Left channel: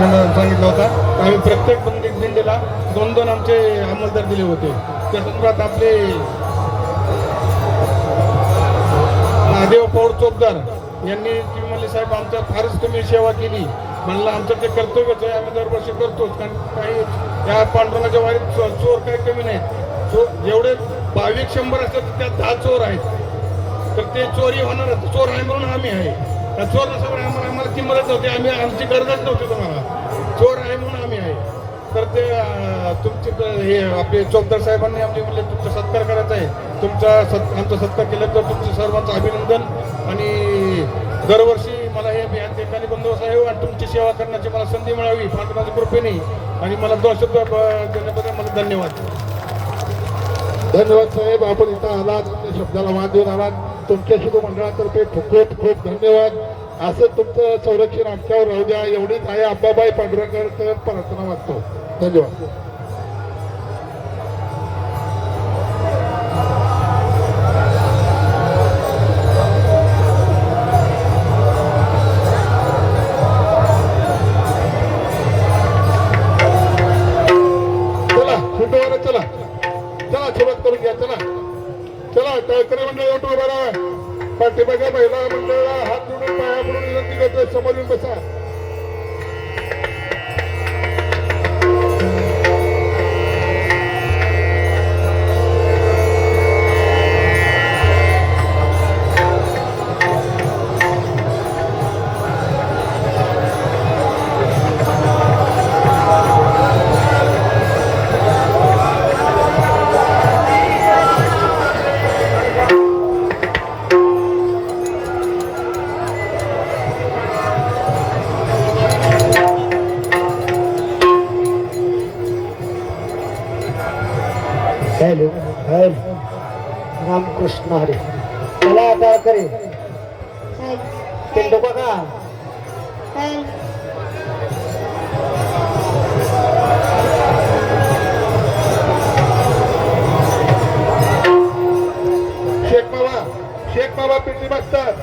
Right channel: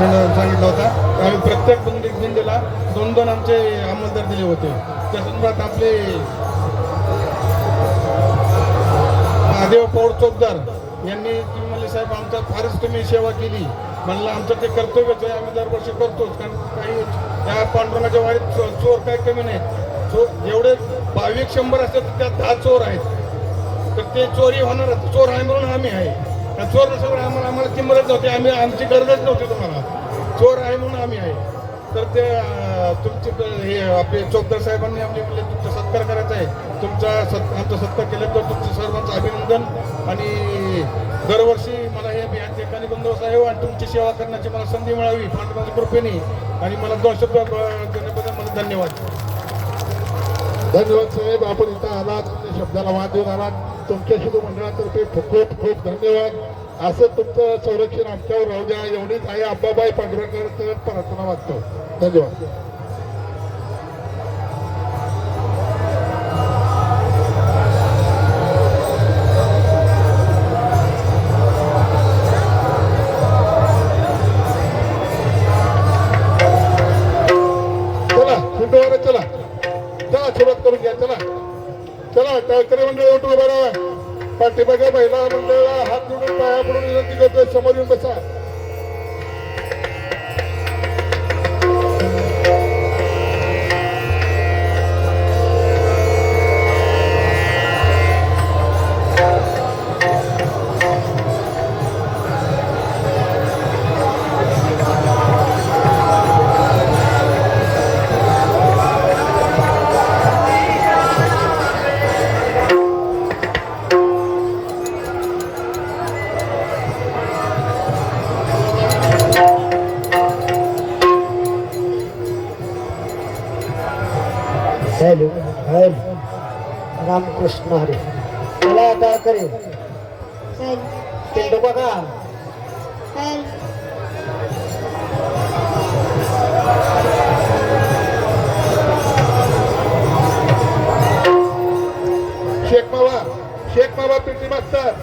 मला सांगितलं होतं. आम्ही प्रत्येक दिंडीला 2-2 आमचे अंमलदार दिले होते. त्या संदर्भात आपले महादेव पौड चोपदार यांनी तुम्ही म्हणले साहेब आमच्या फारच तुम्ही सेवा केली. म्हणलं आमचं ते कर्तव्यच आहे, आम्ही दरवर्षी करतोच. कारण काही या पांडुरंगाच्या वारीत चोर काही कमी नाहीत. जेवढे 2200 असतात त्यात 10 चोर आहेत. तर ते चोरी होणार, चोर आहे म्हणून आम्ही आहे. चोर नसल्यामुळे आम्हाला ती मदत नव्हती, आम्ही आमची गरजच नव्हती तुम्हाला. चोर आहे म्हणून आम्ही आहे. तर ते तुमचे हे आपले चौधरी साहेबांनी आम्ही म्हणले तुमचा सत्कार करायचा आहे. आमचा सत्कार केल्याबद्दल तुमचं सर्वांचं अभिनंदन. आणि दरवर्षी मला हे या ठिकाणी बंदोबस्त आहे आणि तुमची सेवा करण्याची मला संधी मिळावी पांडुरंगाच्या कृपेने. आणि मला 2 शब्द देण्याबद्दल मला धन्यवाद. धन्यवाद साहेब, आपण इथं आलात, शब्दाला वाद देऊन आलात. तुमच्या शुभ मंडळातर्फे खूप खूप धन्यवाद. असं तुमचं संरक्षण आमच्यावर राहू द्या, एवढीच आहे आबाबाई पांडुरंगाकडे प्रार्थना मागतो. धन्यवाद. चला चला सुरुवात करून घ्या. चला चला कार्यक्रम म्हणजे बरं पाठीमागे महिला मंडळ हात जोडून पाया पडून विनंती करते, समोर येऊन बसा. हॅलो हॅलो रामकृष्ण हरे. मला आता करेल पिंड बघा. शेख बाबा पिंडी बघतात.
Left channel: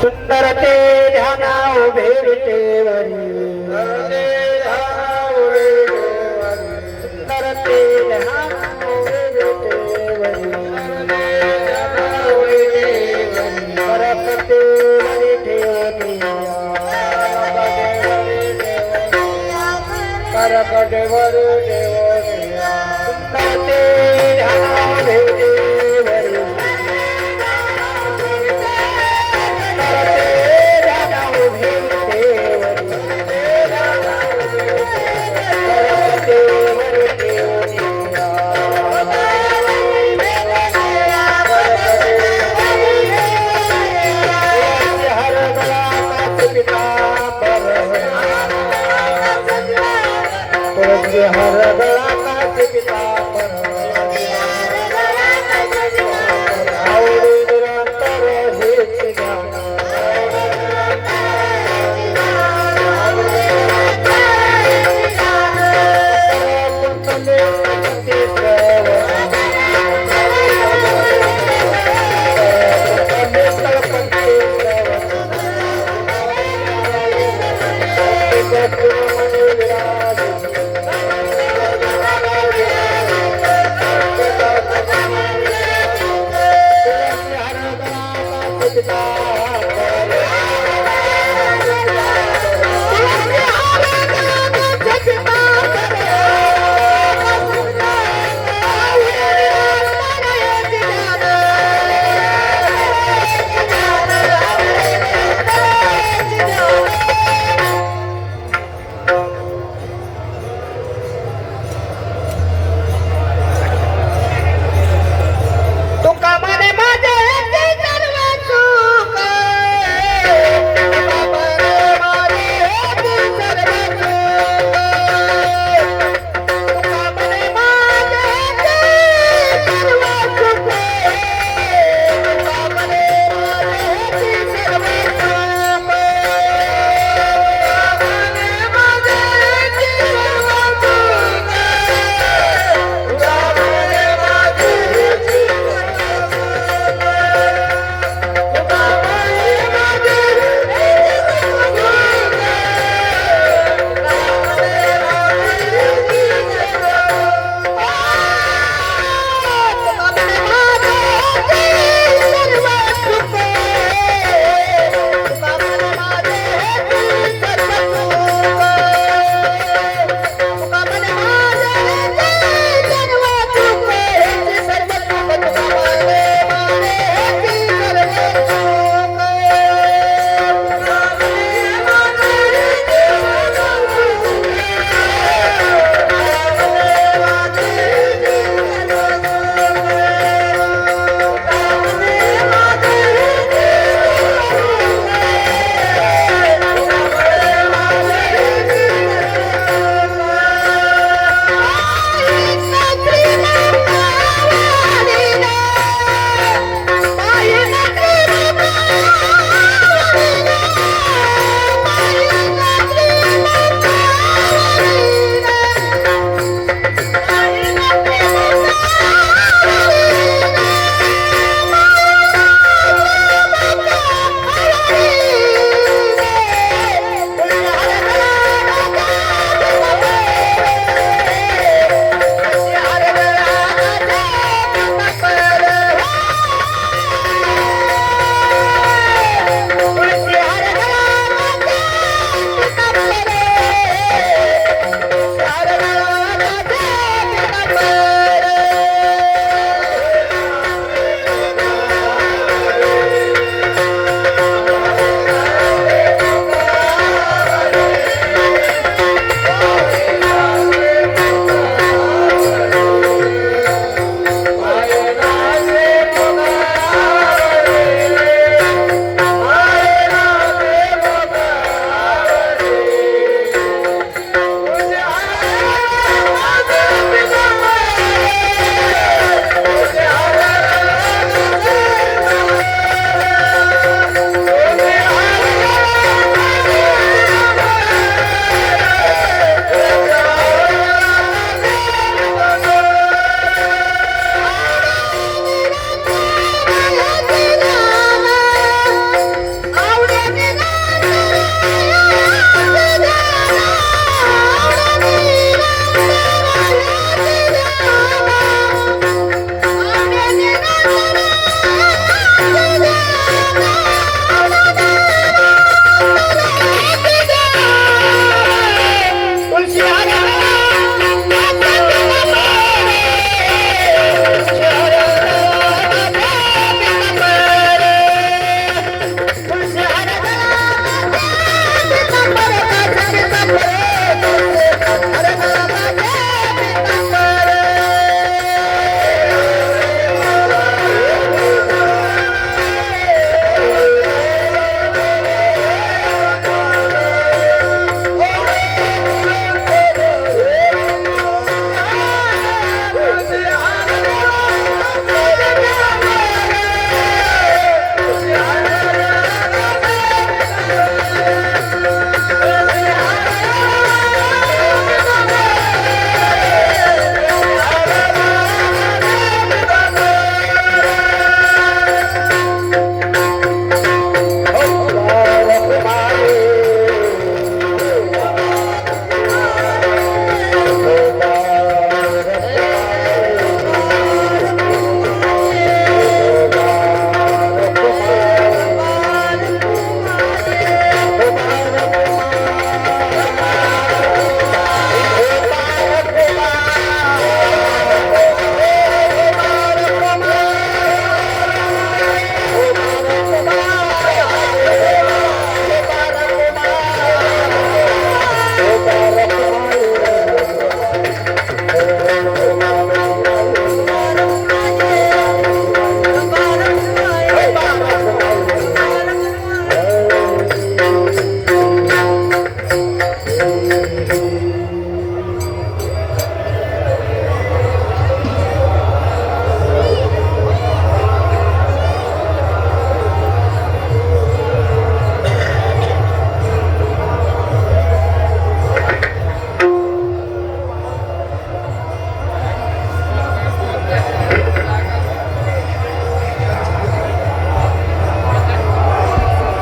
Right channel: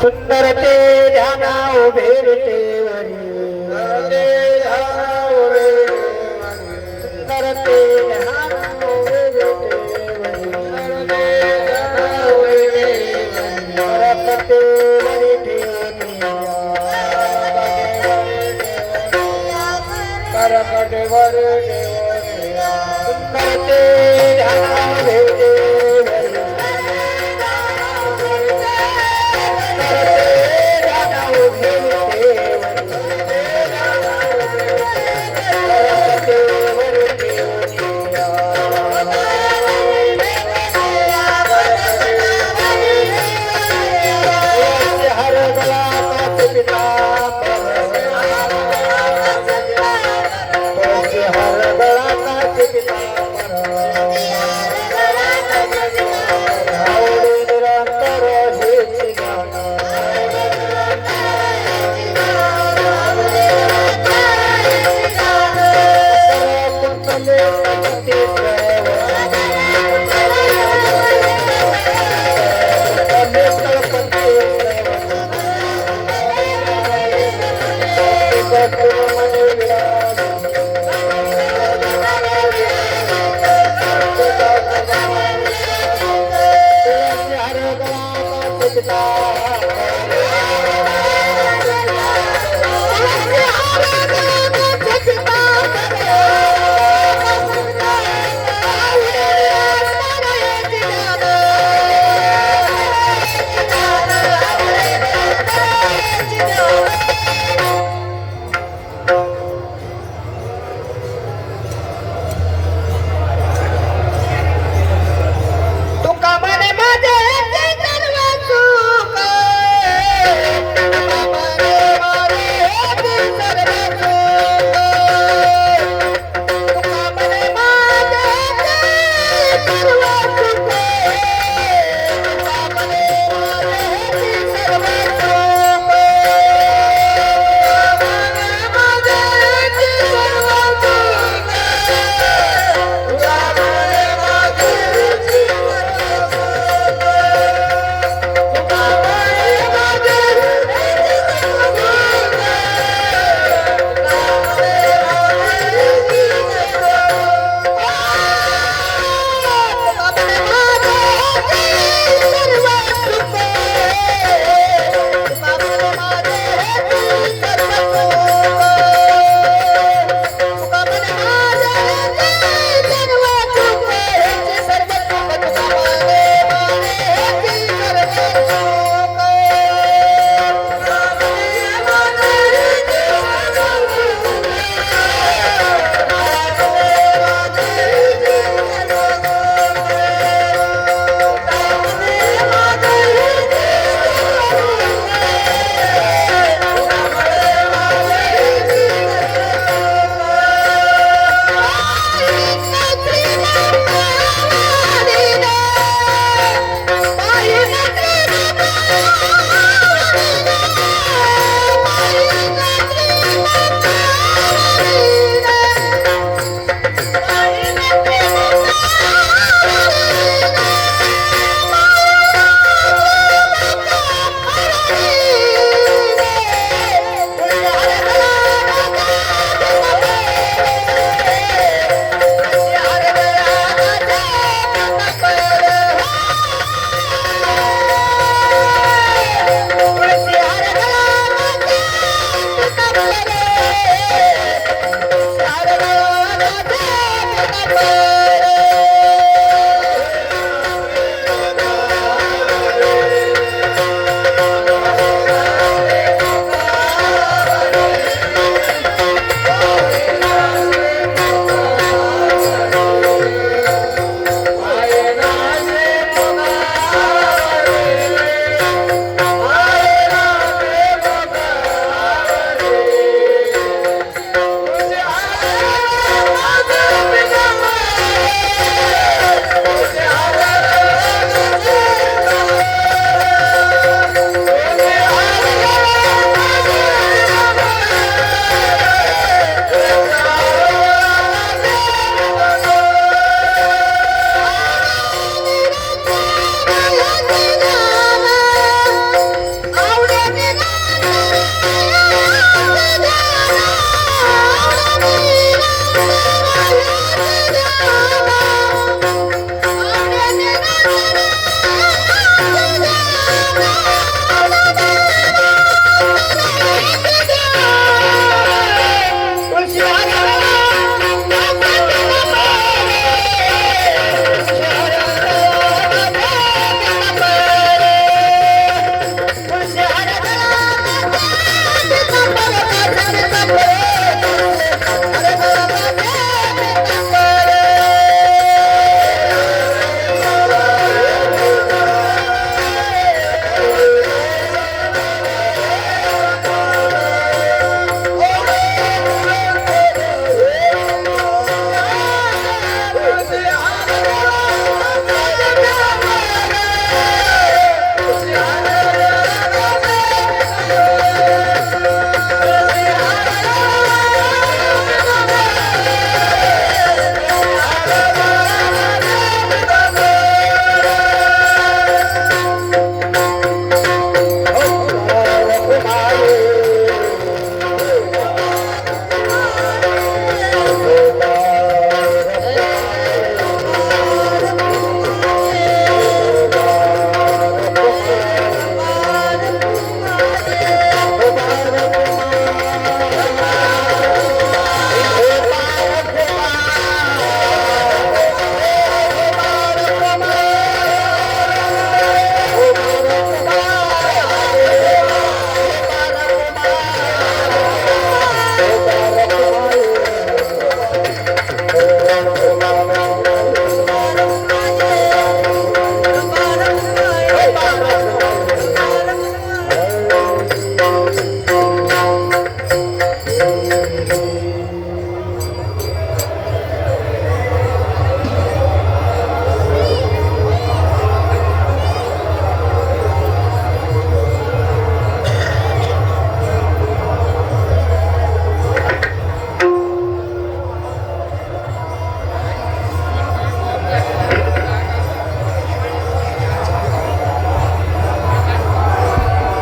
सुंदर ते ध्याना उभे विटेवरी सुंदर ते ध्याना उभे विटेवरी परपते वरी ठेवनिया परपते वरी ठेवनिया सुंदर ते ध्याना उभे विटेवरी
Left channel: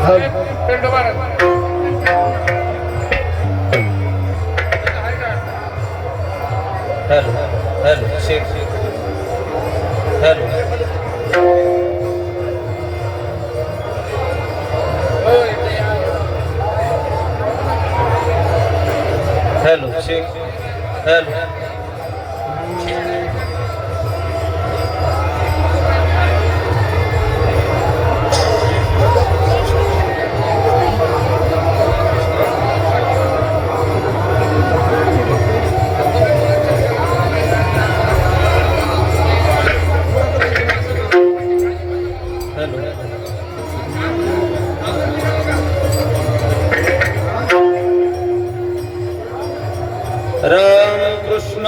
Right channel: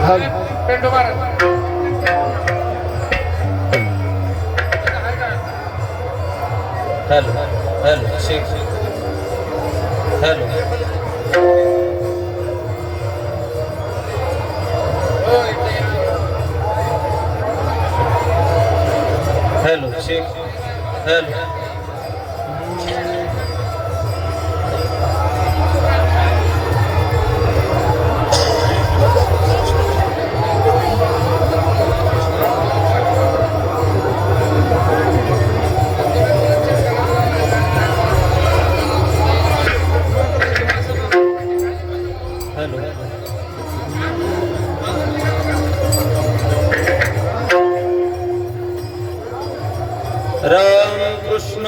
पेंड महाराज hello hello Sheikh hello hello Sheikh hello Ram Krishna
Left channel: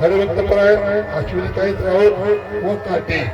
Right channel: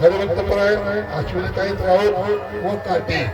Harwantrao अश्विनीताई राऊत व पाटील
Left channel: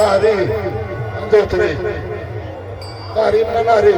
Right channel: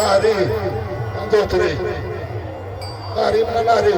नारी जोतरे नारी म्हणा नारी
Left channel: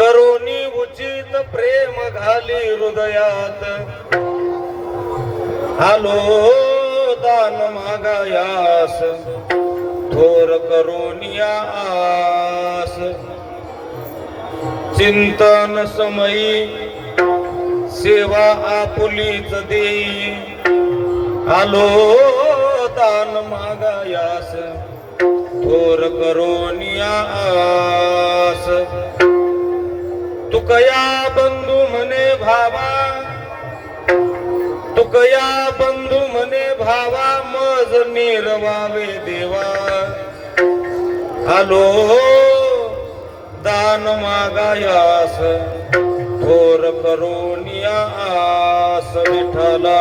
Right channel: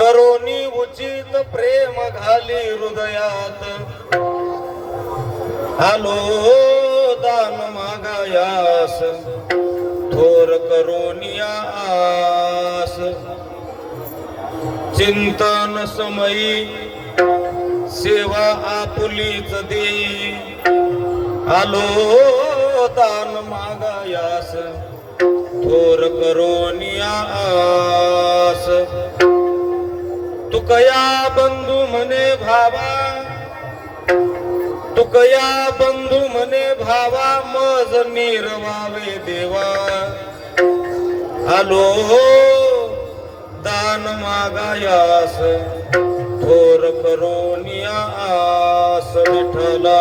करोनी उचित प्रेम घाली हृदयात आलो दान मागायास थोर करोनिया आस चिंतन समयी सेवा आपुलीच देई आलो दान मागायास थोर करोनिया आस तुकया बंधू म्हणे भावा तुकया बंधू म्हणे भावा मज निर्वावे देवा आलो दान मागायास थोर करोनिया आस विठ्ठला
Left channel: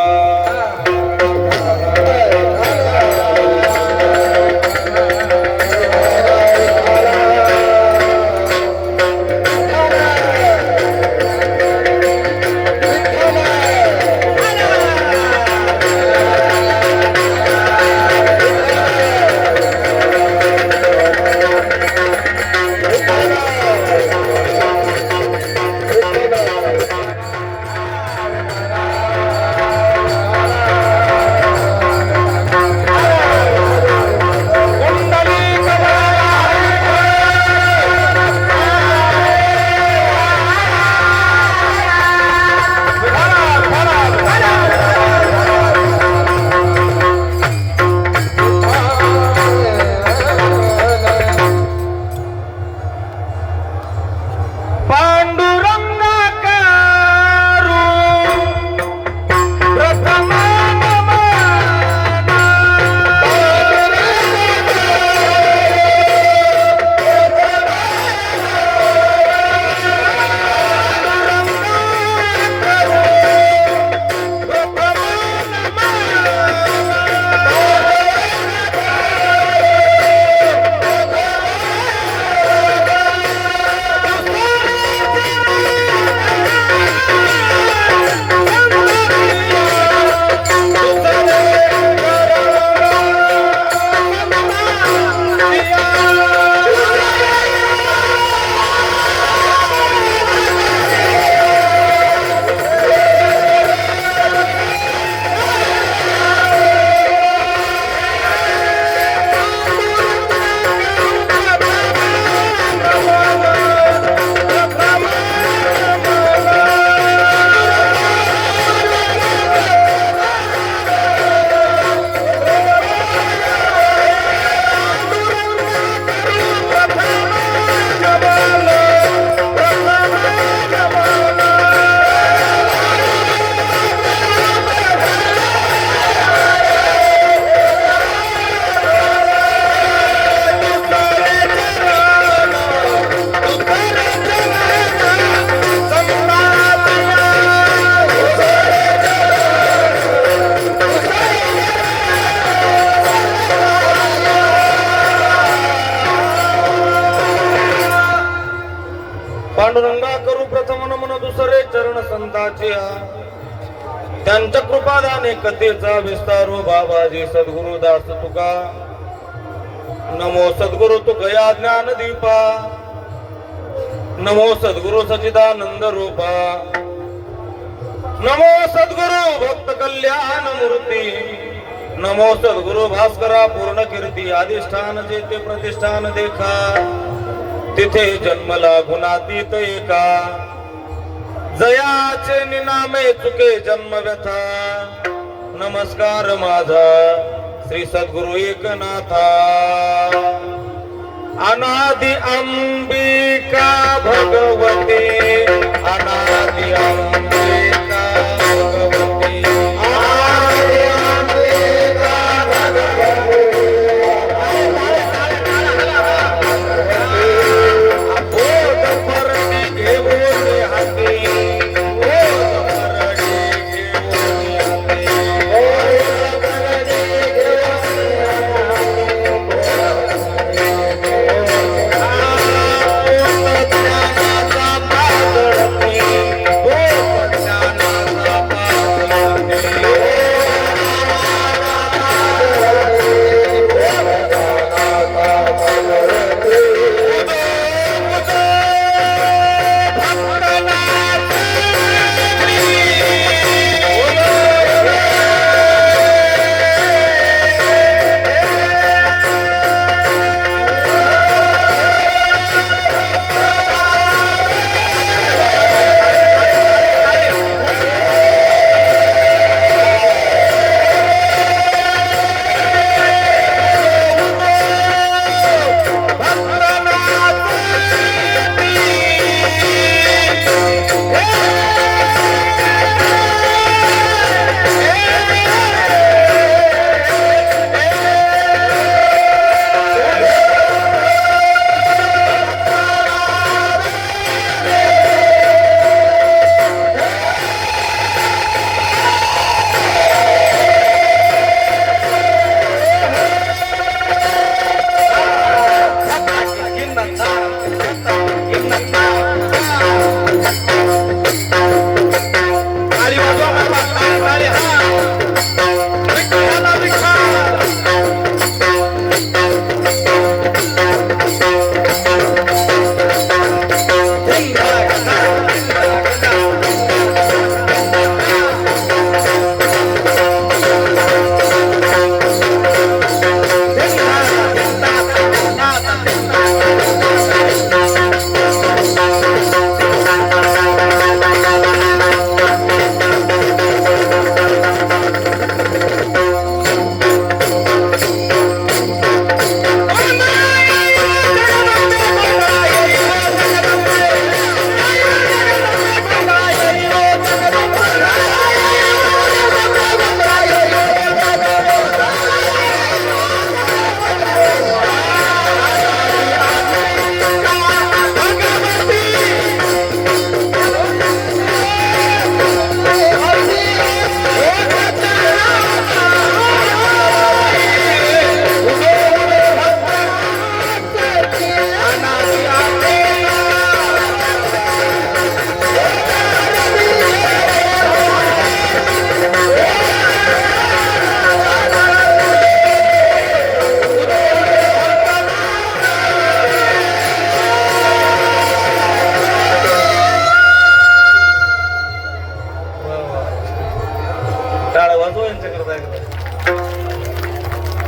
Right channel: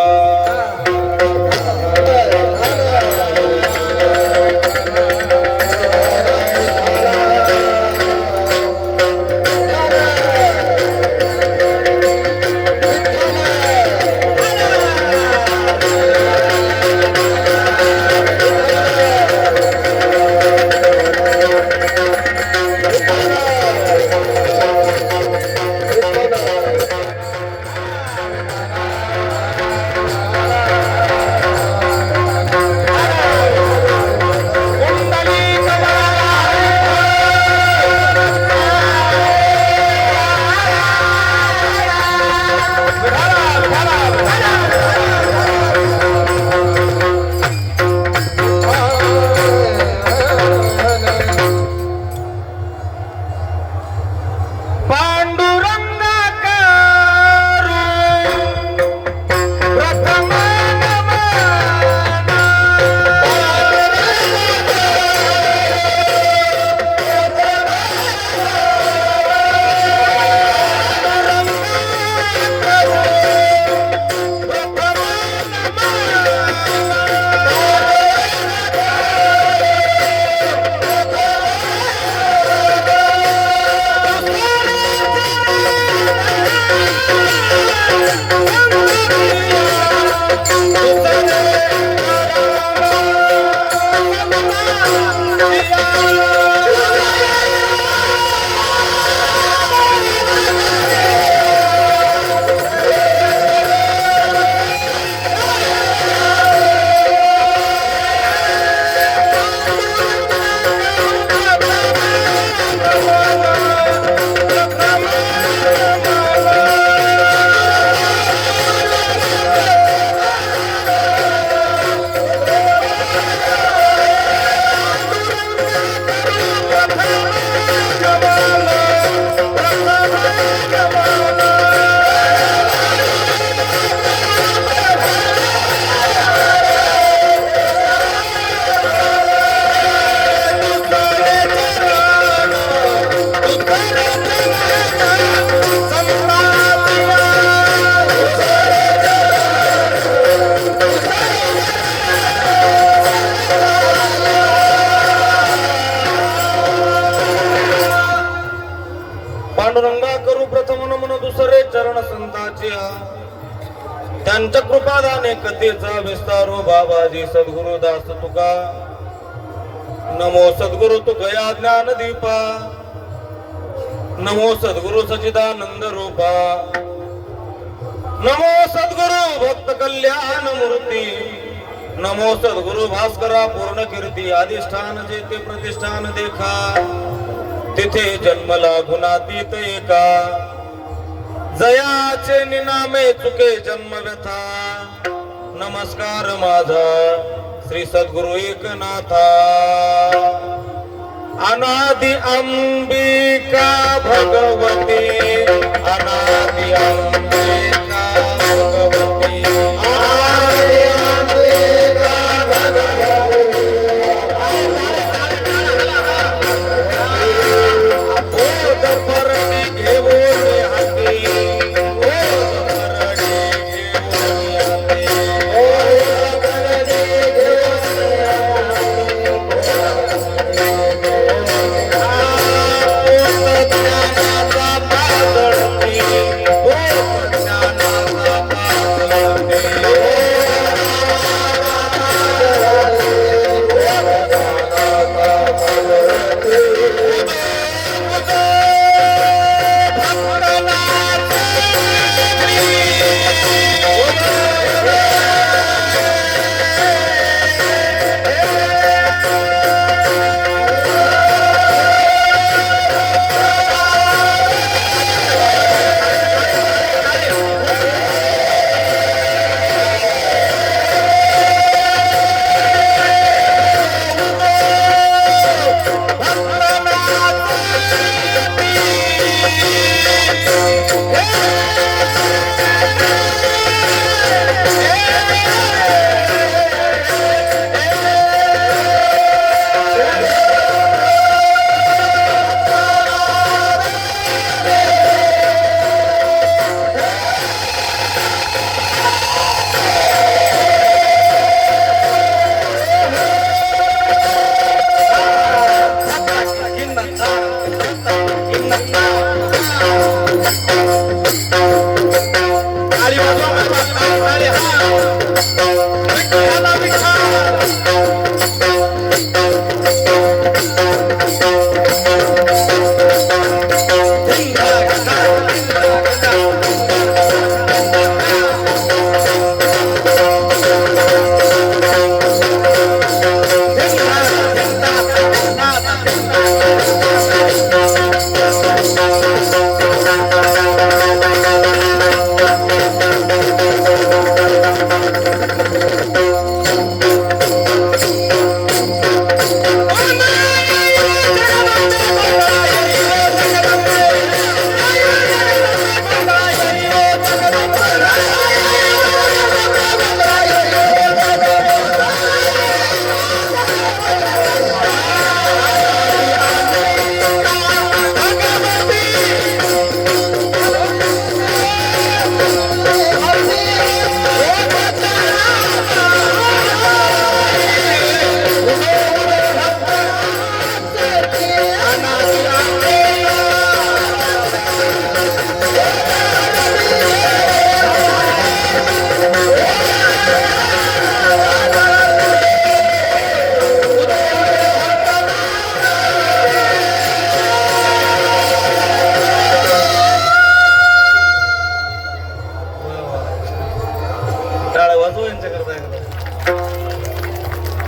पांडुरंगा करू प्रथम नमन दुसरे चरण संताचे त्यांच्या कृपादाने कथेचा विस्तारो बाबाजी सद्गुरु दास तुका नमो सद्गुरु तुकया ज्ञान दीपा नमो सद्गुरु सच्चिदानंद रूपा नमो सद्गुरु भक्त कल्याण मूर्ती नमो सद्गुरु भास्करा पूर्ण कीर्ती अधिष्ठान जेते प्रतिष्ठान देखा तिथे जन्मला गुणातीत एका जयाचे निनामे चुके जन्मगथा नमस्कार माझा श्री सद्गुरु एकनाथा अनादि अंबिका भगवते अनादि अंबिका भगवते बोध परणी घेऊन हाती बोध परणी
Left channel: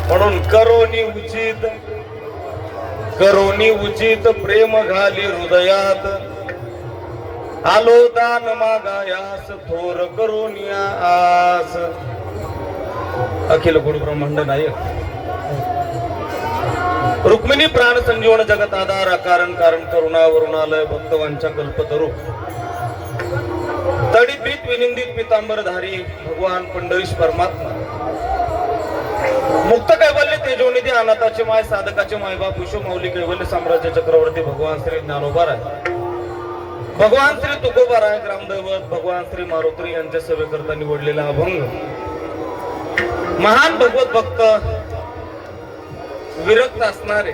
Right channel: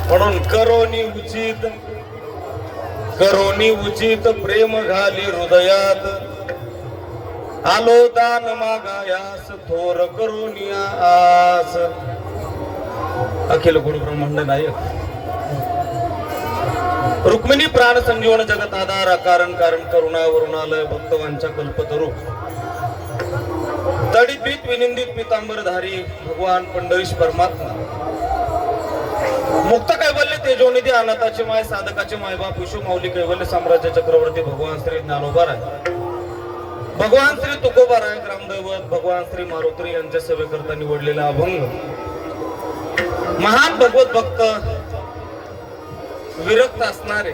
म्हणून करोनी उचित प्रेम घाली हृदयात आलो दान मागायास थोर करोनी आस. अखिल गुरु ब्रह्मांड नायक रुक्मिणी प्राण संजीवन जगत आधार कारण कारण करुणावरुणालय भक्तवांच्या कल्पतरू तडीपीत विनिंदित पितांबरधारी भगवान पंडरीश परमात्मा मुक्त कैवल्य तेजोनिधी अनाथाचे माय साधकाचे मायबाप विश्व माऊली कैवल्य साम्राज्य चक्रवर्ती भगवान श्री ज्ञानोबा भगवान श्री तुकोबा ग्रामदैवत भगवान श्री मारुत्री यांच्या सेवेकरता निवडलेला अभंग महान भगवत भक्त विरक्त असणारे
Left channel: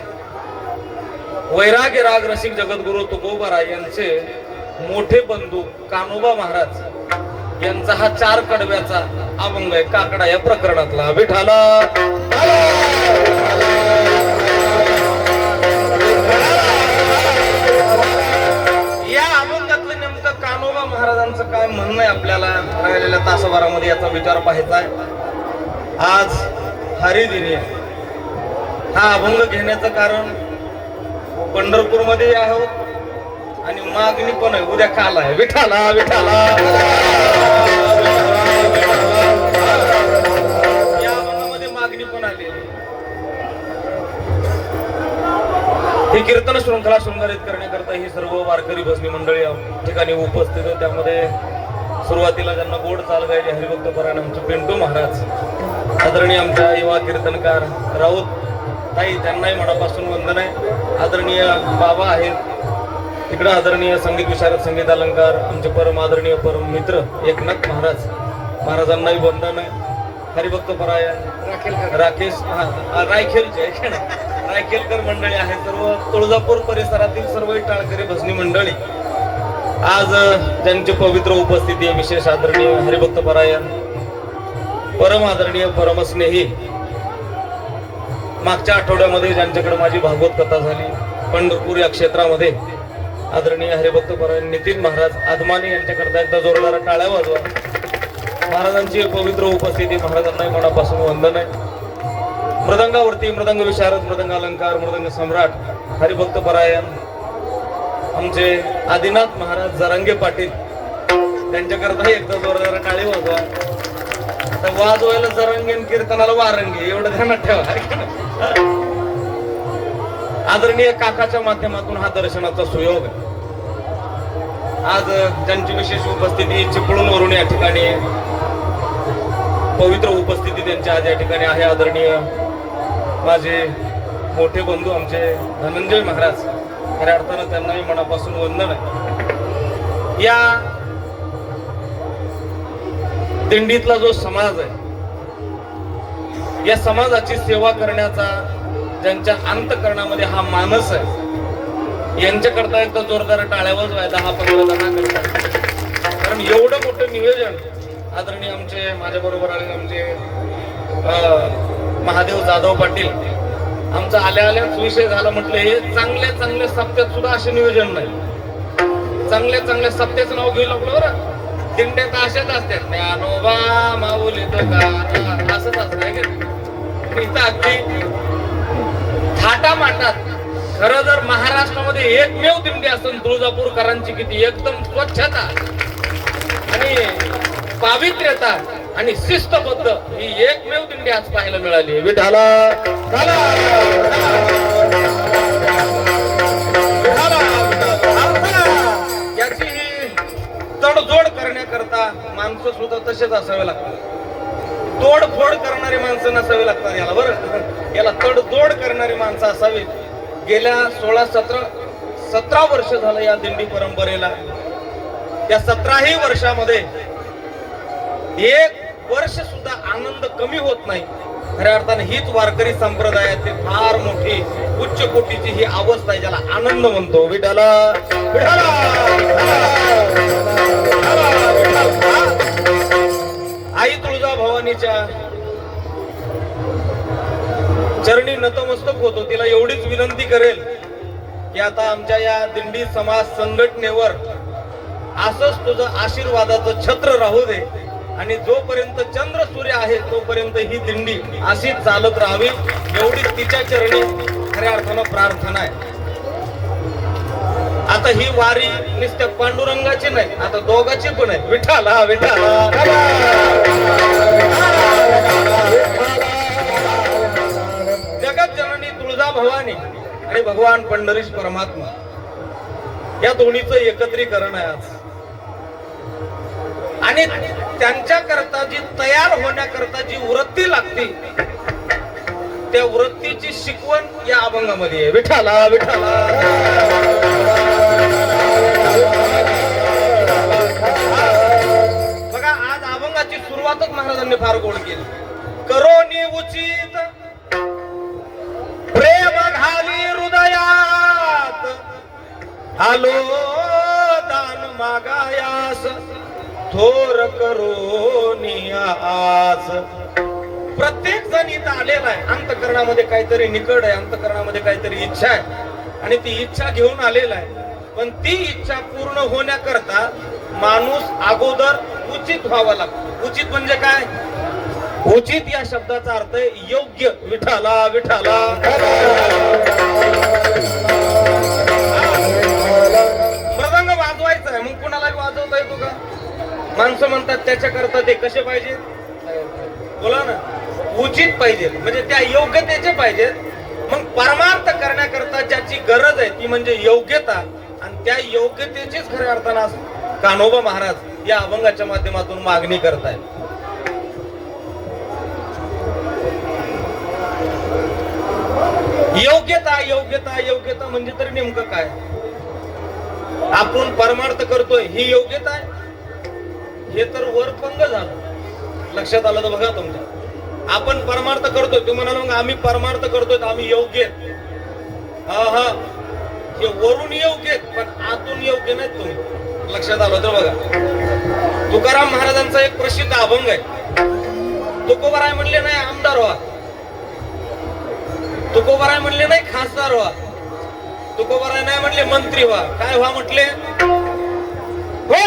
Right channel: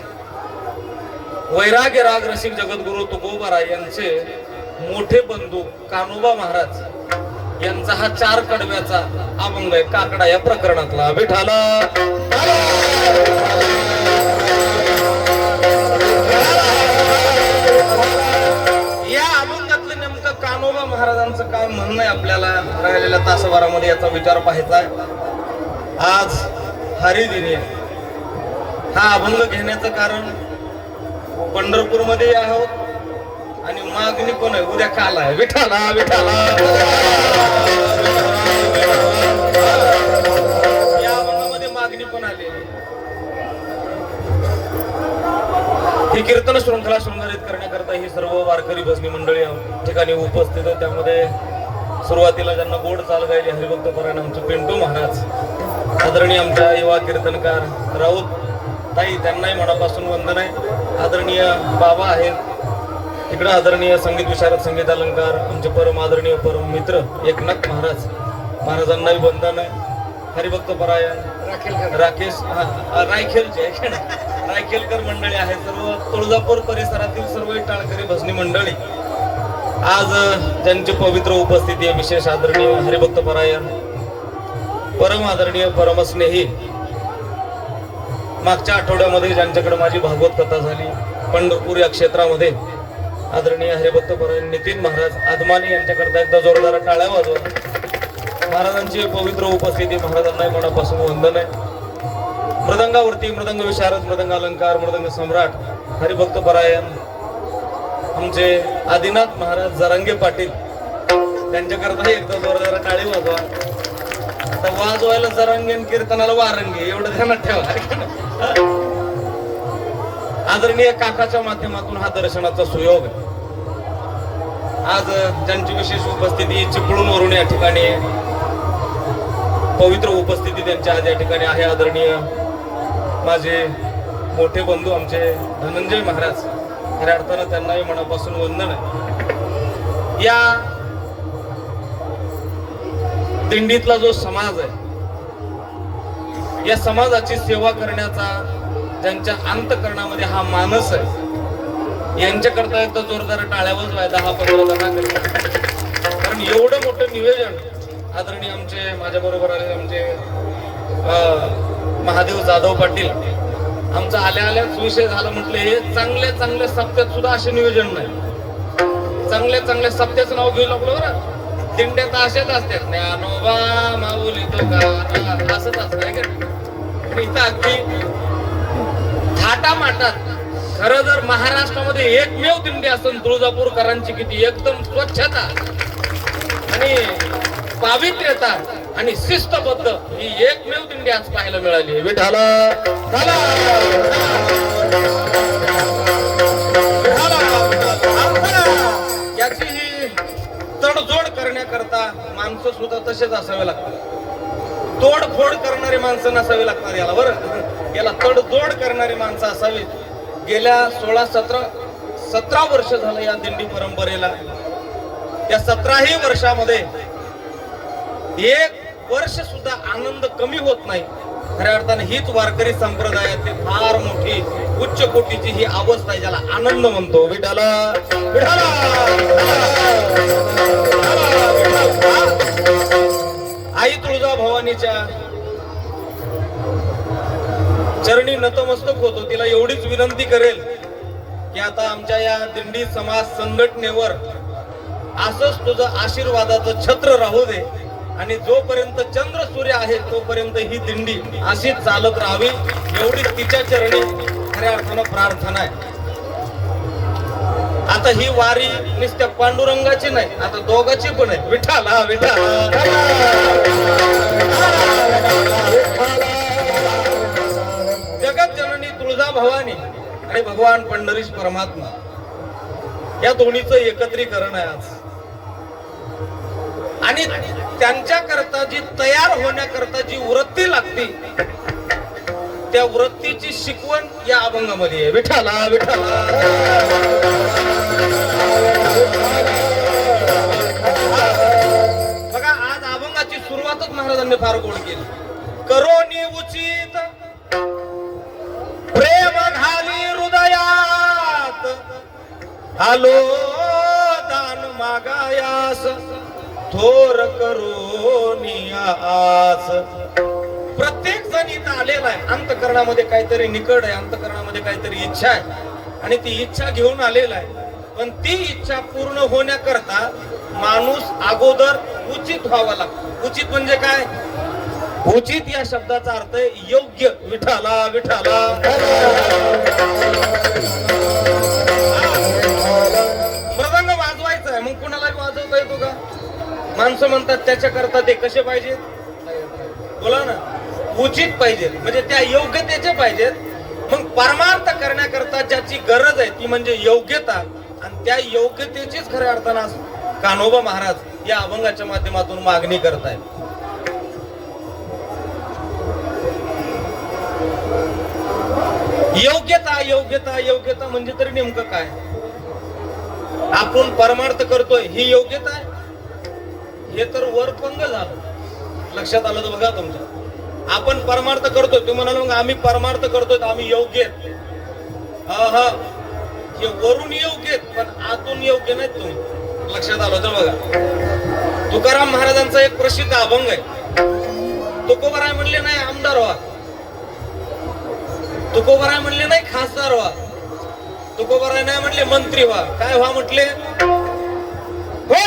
वैराग्य राग रसिक जगद्गुरु तुकोबा यांचे मोठे बंधू कान्होबा महाराज यांचा हा 4 कडव्याचा अभंग आहे. काकडा या प्रकरणातला विठाला या अभंगातलं नेमकं कान्होबा महाराजांचं काय म्हणणं आहे आपल्याला राहिलेल्या तासभरामध्ये याचा विचार पाहायचा आहे. आज हरिदिनी हा अभंग घेण्याचं कारण पंढरपूरमध्ये आहोत आणि मागणी पण आहे. उद्या काल आहे. विठाला विठाला या अभंगामध्ये मागणी पण आली. ही कीर्तन शृंखला शृंगारित करण्याकरता ही सर्व वारकरी भजनी मंडळी या ठिकाणी उपस्थित आहे. त्यामध्ये सुरुवातीला ज्यांना गोड चाल गायली हरिभक्त परायण आमचे पिंटू महाराज, आदरणीय आमचा युवा कीर्तनकार राऊत ताई, त्यांनाही मनापासून वंदन आहे. आदरणीय बाबा आहेत इकडे, आदरणीय संगीत विशारद संगीत अलंकार आमचे परम आदरणीय परम मित्र एकनाथ महाराज, महाराजांनाही वंदन आहे. हरिभक्त परायण राकेश रायखेलकर मंडळी आहे, सर्व तुळजापूर परिसरातील सर्व टाळकरी भजनी मंडळी आज ज्यांची पवित्र उपस्थिती आहे. विशेष आदरणीय हरिभक्त परायण परम आदरणीय परमस्नेही, मागच्या आठवड्यामध्ये ज्यांच्याकडे माझी भागवत कथा झाली पंढरपूर या क्षेत्रामध्ये, आदरणीय हरिभक्त परायण नितीन महाराज आदमानी यांच्याकरता एकदा जोरदार टाळ्या वाजवा. महाराजांची पवित्र उपस्थिती, महाराजांना मनापासून वंदन आहे. मृदंगावरती मृदंग विशारद, मृदंग अलंकार, मृदंग सम्राट हरिभक्त परायण आमचे आदिनाथ महाराज जरांगे पाटील, त्यांच्याकरता एकदा जोरदार टाळी वाजवा. वाजवायला जरांगे, कीर्तनाला वारंगे, एवढं ध्यानात ठेवा. आदरणीय काकाच्या माध्यमातून हा दर्शनाचा सुयोग आज ज्यांची विशेष उपस्थिती चिपळूणवरून या ठिकाणी पवित्र उपस्थिती त्यांच्या आज या ठिकाणी आहे. आदरणीय माझे मोठे बंधू आमचे धनंजय महाराज, खऱ्या अर्थानं त्यांनाही मनापासून वंदन आहे. या दिंडीतला जो समाज आहे, या समाजाची सेवा करण्याचा ज्यांच्या अंतःकरणामध्ये हा मानस आहे, यांच्याकरता एकदा जोरदार टाळ्या वाजवायला हा पहिला करता. कारण एवढं मोठं नियोजन आदरणीय आमचे माझ्या बरोबर आले आमचे महादेव जाधव पाटील, आमचा आल्याच विषय झाला. म्हटलं हे चांगल्या सप्त्यात सुद्धा असे नियोजन नाही. चांगल्या सप्त्याचं नाव घेऊ लागलो बरं. दिंड्यात अशाच असतात, ज्ञानोबा माऊली असंच असतं. इथं अगदी थाटामाटात खरं जर महाराष्ट्रामध्ये एकमेव दिंडी असेल तुळजापूरकरांची, किती एकदम स्वच्छता आणि पावित्र्यता आणि शिस्तबद्ध ही एकमेव दिंडी आज पाहायला मिळाली. विठाला याची ही तडजोड करण्याकरता माणसं सुद्धा तसेच असावे लागतात. तोडफोड करणारी माणसं नसावी लागतात याला, बरं. याला तडजोड करणारी माणसं असावी. गेल्या 16-17 वर्ष झालं या दिंडी परंपरेला. त्या 17ही वर्षामध्ये एक वर्ष सुद्धा आनंद कमी होत नाही. खऱ्या अर्थाने हीच वारकरी संप्रदायाची फार मोठी उच्च कोटीची ही अवस्था आहे, ज्याला आनंद म्हणतो. विठाला आई तुळजा भवानीच्या चरणी नतमस्तक होतो. तिला एवढीच विनंती करेल की आता आमच्या या दिंडी समाज संघटनेवर असंच तुझं आशीर्वादाचं छत्र राहू दे, आणि जोपर्यंत चंद्र सूर्य आहे तोपर्यंत ही दिंडी अशीच चालत राहावी, एवढीच तिच्या चरणी खऱ्या अर्थानं प्रार्थना आहे. आता ही वारी नुसत्या पांडुरंगाची नाही, आता दोघाची पण आहे. विठाला विठाला जगत जननी तुळजा भवानी आणि भगवान पंढरीश परमात्मा या दोन्हीचं एकत्रीकरण आहे आज. आणि त्यांच्याकरता जी तयार होण्याकरता जी वृत्ती लागते, त्या वृत्तीची शिकवण या अभंगामध्ये आहे. विठाला विठाला बघा, आज अभंगाची सुरुवातच महाराजांनी फार गोड केली. करोनी उचित प्रेम घाली हृदयात, आलो दान मागायास थोर करोनी आस. प्रत्येक जण इथं आलेला आहे, अंतःकरणामध्ये काहीतरी निकड आहे, अंतःकरणामध्ये काहीतरी इच्छा आहे, आणि ती इच्छा घेऊन आलेला आहे. पण ती इच्छा पूर्ण होण्याकरता माणूस अगोदर उचित व्हावा लागतो. उचित म्हणजे काय? उचित या शब्दाचा अर्थ आहे योग्य. विठाला विठाला मृदंग वाजवायचा आहे, मग कुणाला वाजवता येतो का? माणसं म्हणतात त्याच्याकरता ते कसे पाहिजेत, बोला ना, उचित पाहिजेत, म्हणजे त्या योग्यतेचे पाहिजेत. मग परमार्थ करण्याकरता ज्याची गरज आहे ती म्हणजे योग्यता, आणि त्या योग्यतेचीच खऱ्या अर्थानं कान्होबा महाराज या अभंगाच्या माध्यमातून मागणी करतायत. योग्यता योग्यता योग्यता म्हणजे तरी नेमकं काय? आपण परमार्थ करतोय ही योग्यता आहे? हे तर वरतुंग झालं. लक्षात आलं तर बघा तुमच्या. आपण परमार्थ करतोय, तुम्ही म्हणाल मग आम्ही परमार्थ करतोय आम्ही योग्य. हा हे वरून योग्य पण आतून योग्य नाही तुम्ही. लक्षात आलं तर बघा. तुकाराम महाराजांचा एक प्रसिद्ध अभंग आहे. तुकोबाराय म्हणले नाही आमदार व्हा, तुकोबाराय म्हणले नाही खासदार व्हा, तुकोबाराय नाही म्हणले मंत्री व्हा. काय व्हा म्हटले? हो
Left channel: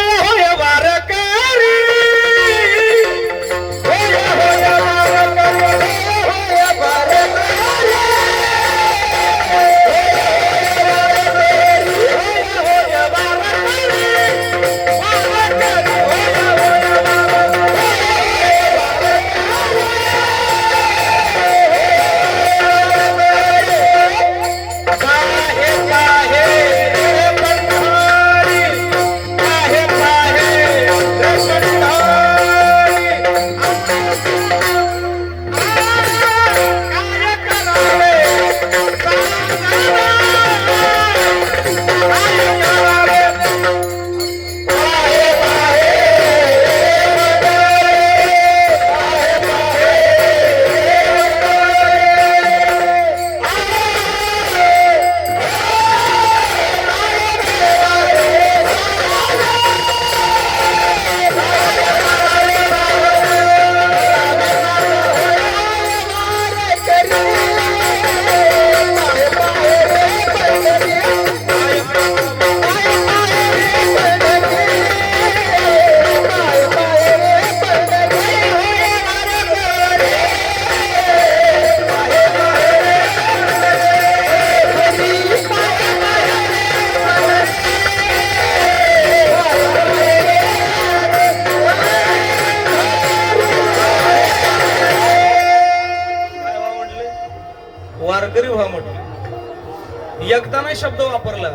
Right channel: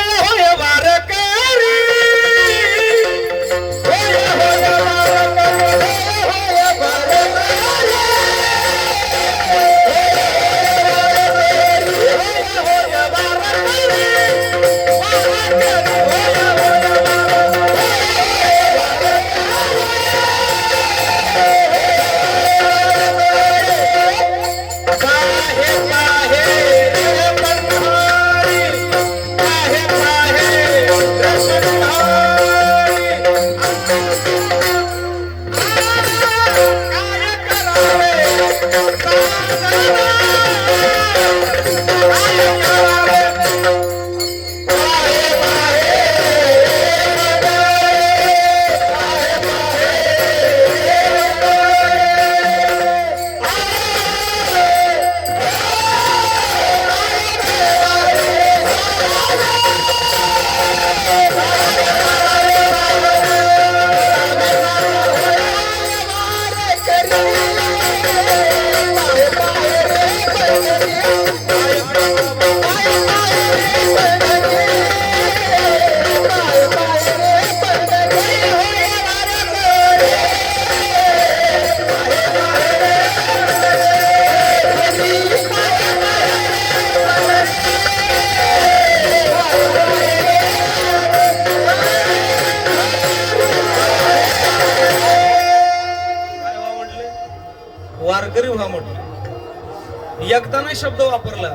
वारकरी, वारकरी व्हा म्हटलं. एकदा नाही शब्द वापरला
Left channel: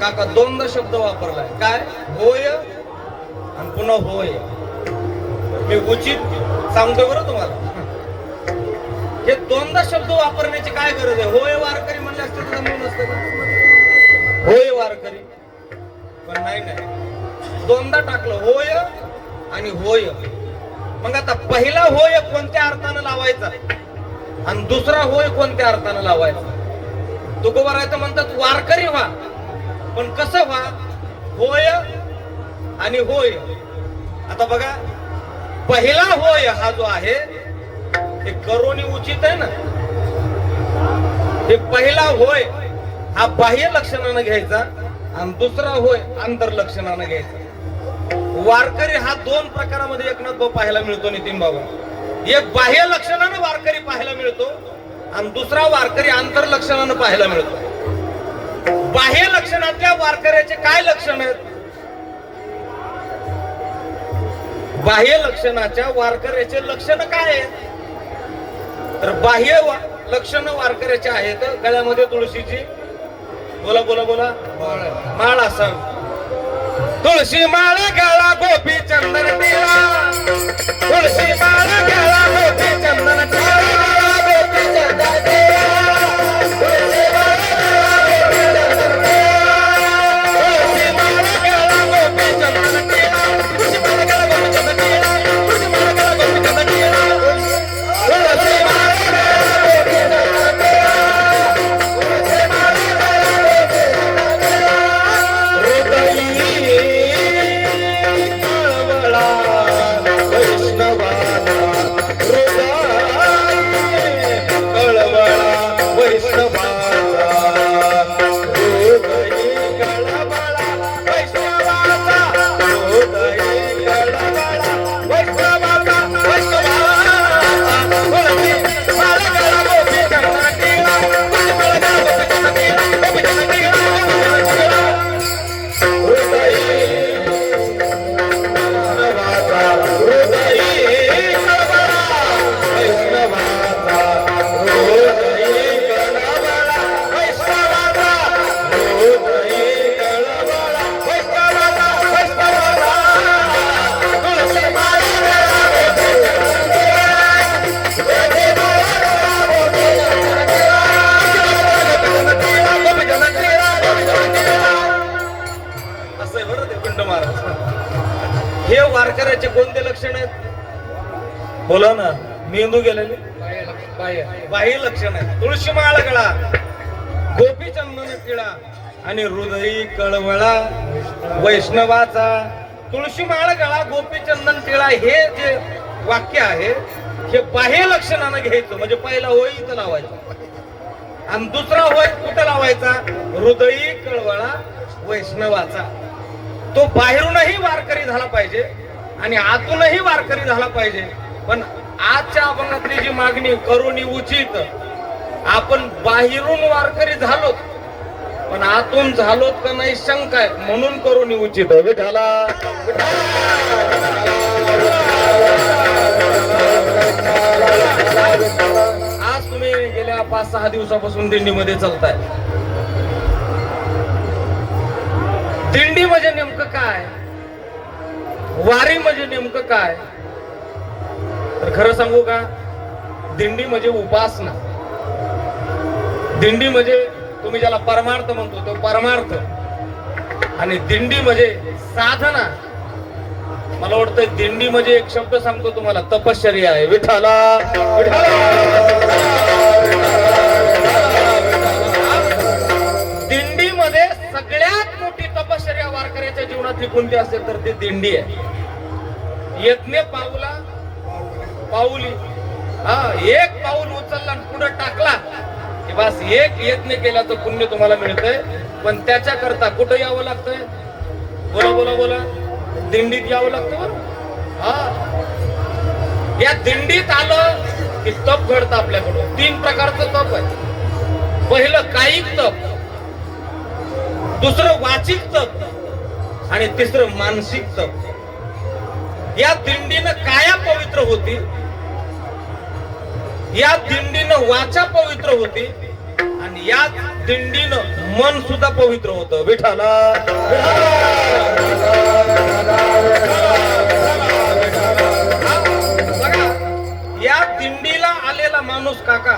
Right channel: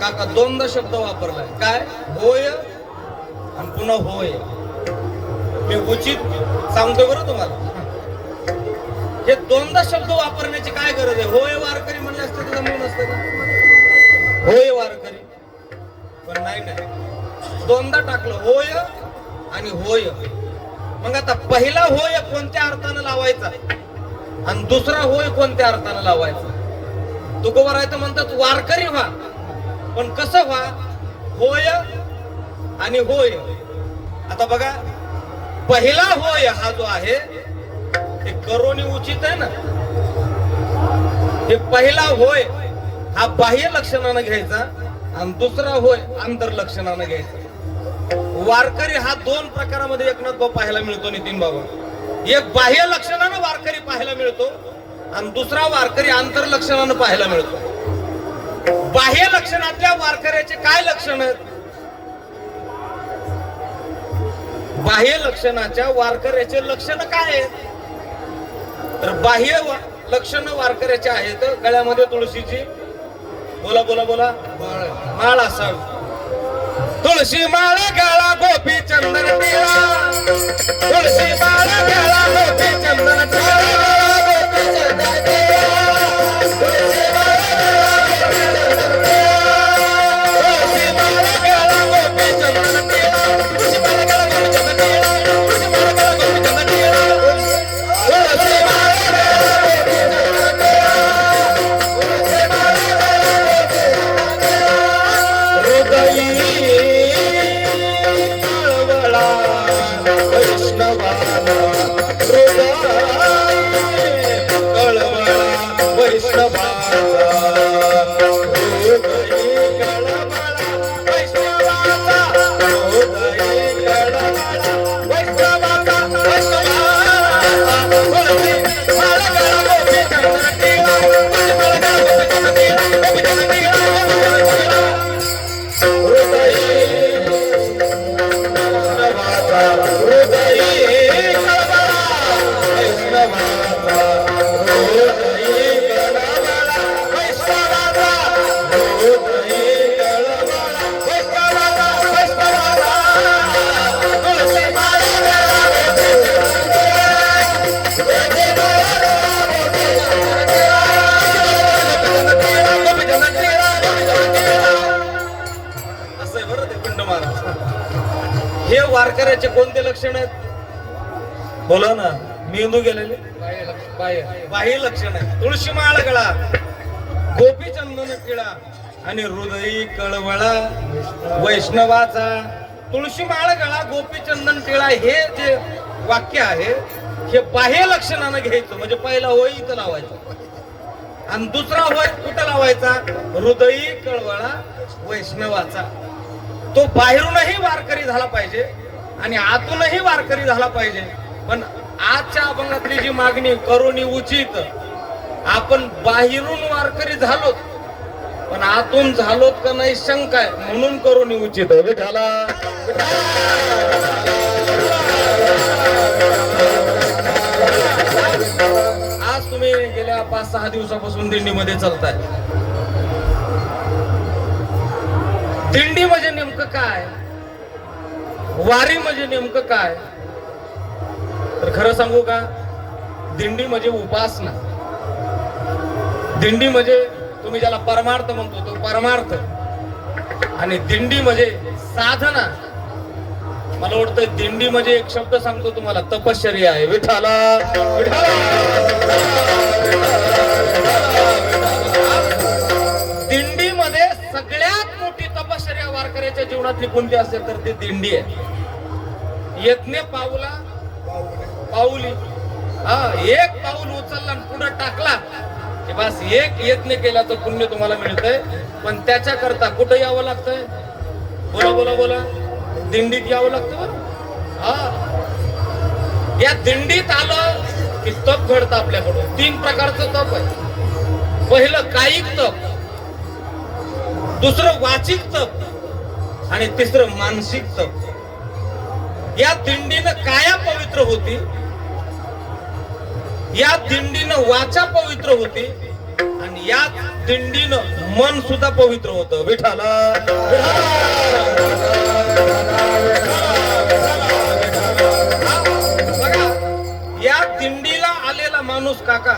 काका, दोनदा शब्द वापरला. काय? होय आणि पुन्हा होय. मी उचित सांगतोय बरं तुम्हाला. हे दोनदा शब्द वापरण्याची काय गरज आहे? होय वारकरी म्हणले असते तर मी नसतं. होय वारकरी पण नाही, दोनदा टाकलं होय आणि होय. मग आता पहिला होय कोणत्या अर्थानं लावायचा आणि दुसरा होय कोणत्या अर्थानं लावायचा? तुकोबाराय तर म्हणतात वारकरी व्हा, पण कसं व्हा? होय आणि होय. आता बघा, पहिला होय हा जो आहे हे करोनी उचित आहे ना. हे पहिला होय हा बाह्य लक्षणानं घ्यायचा आणि दुसरा होय अंतर लक्षणानं घ्यायचा. वारकरी हा दोन प्रकारामध्ये एकनाथ पाहायला मिळतो नितीन बाबा. एक बाह्य लक्षणानं वारकरी पाहायला मिळतो आणि दुसरा वारकरी आंतर लक्षणानं पाहायला मिळतो. बाह्य लक्षणातल्या वारकऱ्याचे काय लक्षण आहेत? बाह्य लक्षणाच्या वारकऱ्याचे लक्षण काय आहे? तर बाह्य लक्षण वारकऱ्याचे आहेत गळ्यामध्ये तुळशीची बोला बोला बोला माळ असावी. तुळशी माळ गळा गोपी चंदन टिळा, तुळशी माळ गळा गोपी चंदन टिळा, गोपी चंदन टिळा, तुळशी माळ गळा गोपी चंदन टिळा, तुळशी माळ गळा गोपी चंदन टिळा, तुळशी माळ गळा गोपी चंदन टिळा, तुळशी माळ गळा गोपी चंदन हे वारकऱ्याचे कोणते लक्षण आहेत? बोला ना. मेंदू गेलेले बाह्य लक्षण आहे. तुळशी माळ गळा, गोपी चंदन टिळा आणि हृदयी कळवळा वैष्णवाचा. तुळशी माळ गळा, गोपी चंदन टिळा हे जे वाक्य आहे हे बाह्य लक्षणानं घ्यायचं. म्हणजे पहिला होय इथं लावायचा आणि दुसरा होय कुठं लावायचा? हृदयी कळवळा वैष्णवाचा. तो बाहेरूनही वारकरी झाला पाहिजे आणि आतूनही वारकरी झाला पाहिजे. पण आजच्या अभंगातली जी मागणी करुणी उचित, आपण बाहेरून वारकरी झालोत पण आतून झालोत का नाही शंका आहे, म्हणून करुणी उचित आहे. विठाला आज तुम्ही गेल्या 5-6 दिवसापासून दिंडीमध्ये चालताय. दिंडी म्हणजे नेमकं काय, वारी म्हणजे नेमकं काय? तर खरं सांगू का, दिंडी म्हणजे उपासना. दिंडी म्हणजे तुम्ही ज्याला परमार्थ म्हणतो तो परमार्थ, आणि दिंडी म्हणजे साधना. मला वाटतं दिंडी म्हणजे एक शब्द सांगतो तुम्हाला, तपश्चर्या आहे. विठाला दिंडीमध्ये सगळ्यात मोठी तपश्चर्या वारकऱ्याच्या जीवनातली कोणती असेल तर ती दिंडी आहे. यज्ञ पाऊला पाऊली, हा एक पाऊल उचलला आणि पुढे टाकला की बस एक यज्ञ केला तर पुण्य तुम्हाला मिळतंय. पण त्याच्याकरता कुठं यावं लागतंय? बोला बोला बोला. दिंडीत यावं लागतं. हा, या दिंडीत आलं की तप घडतं आपल्याकडून. 3 प्रकारचं तप आहे. पहिलं कायिक तप, दुसरं वाचिक तप आणि तिसरं मानसिक तप. या दिंडीनं काया पवित्र होती, या दिंडीनं वाचा पवित्र होती आणि या दिंडीनं मन सुद्धा पवित्र होतं. विठाला या दिंडीला आलेला माणूस काका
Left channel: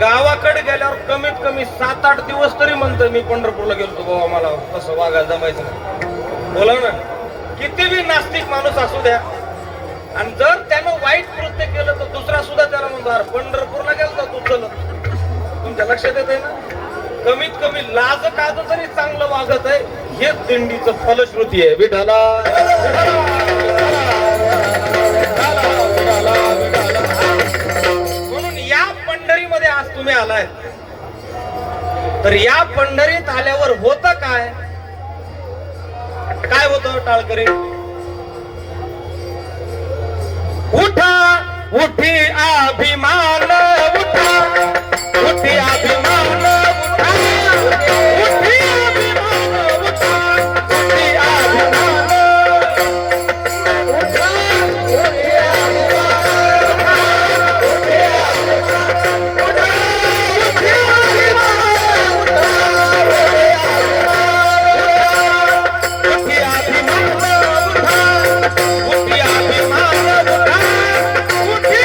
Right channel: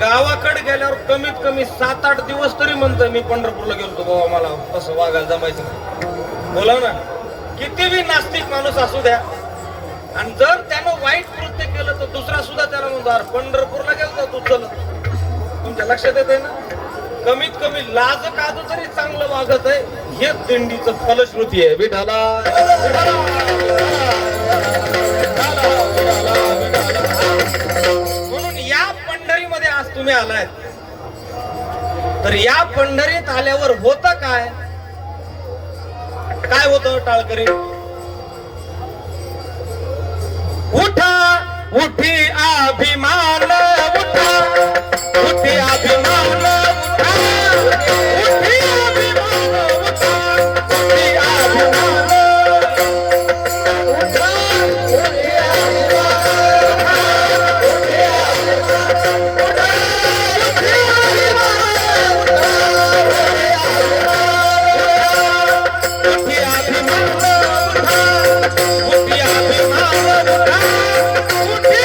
गावाकडे गेल्यावर कमीत कमी 7-8 दिवस तरी म्हणतो मी पंढरपूरला गेलो बाबा, मला कसं वागायला जमायचं. बोला ना, कितीही नास्तिक माणूस असू द्या, आणि जर त्यानं वाईट कृत्य केलं तर दुसरा सुद्धा त्याला म्हणणार पंढरपूरला गेलो तू चल. तुमच्या लक्षात येते ना? कमीत कमी लाज काज तरी चांगलं वागत आहे, हेच दिंडीचं फलश्रुती आहे. विठाला म्हणून या पंढरीमध्ये आज तुम्ही आलाय, तर या पंढरीत आल्यावर होतं काय? काय होतं टाळकरी? उठा उठी अभिमान, उठा उठी अभिमान, उठी अभिमान, उठा उठी अभिमान, उठा उठी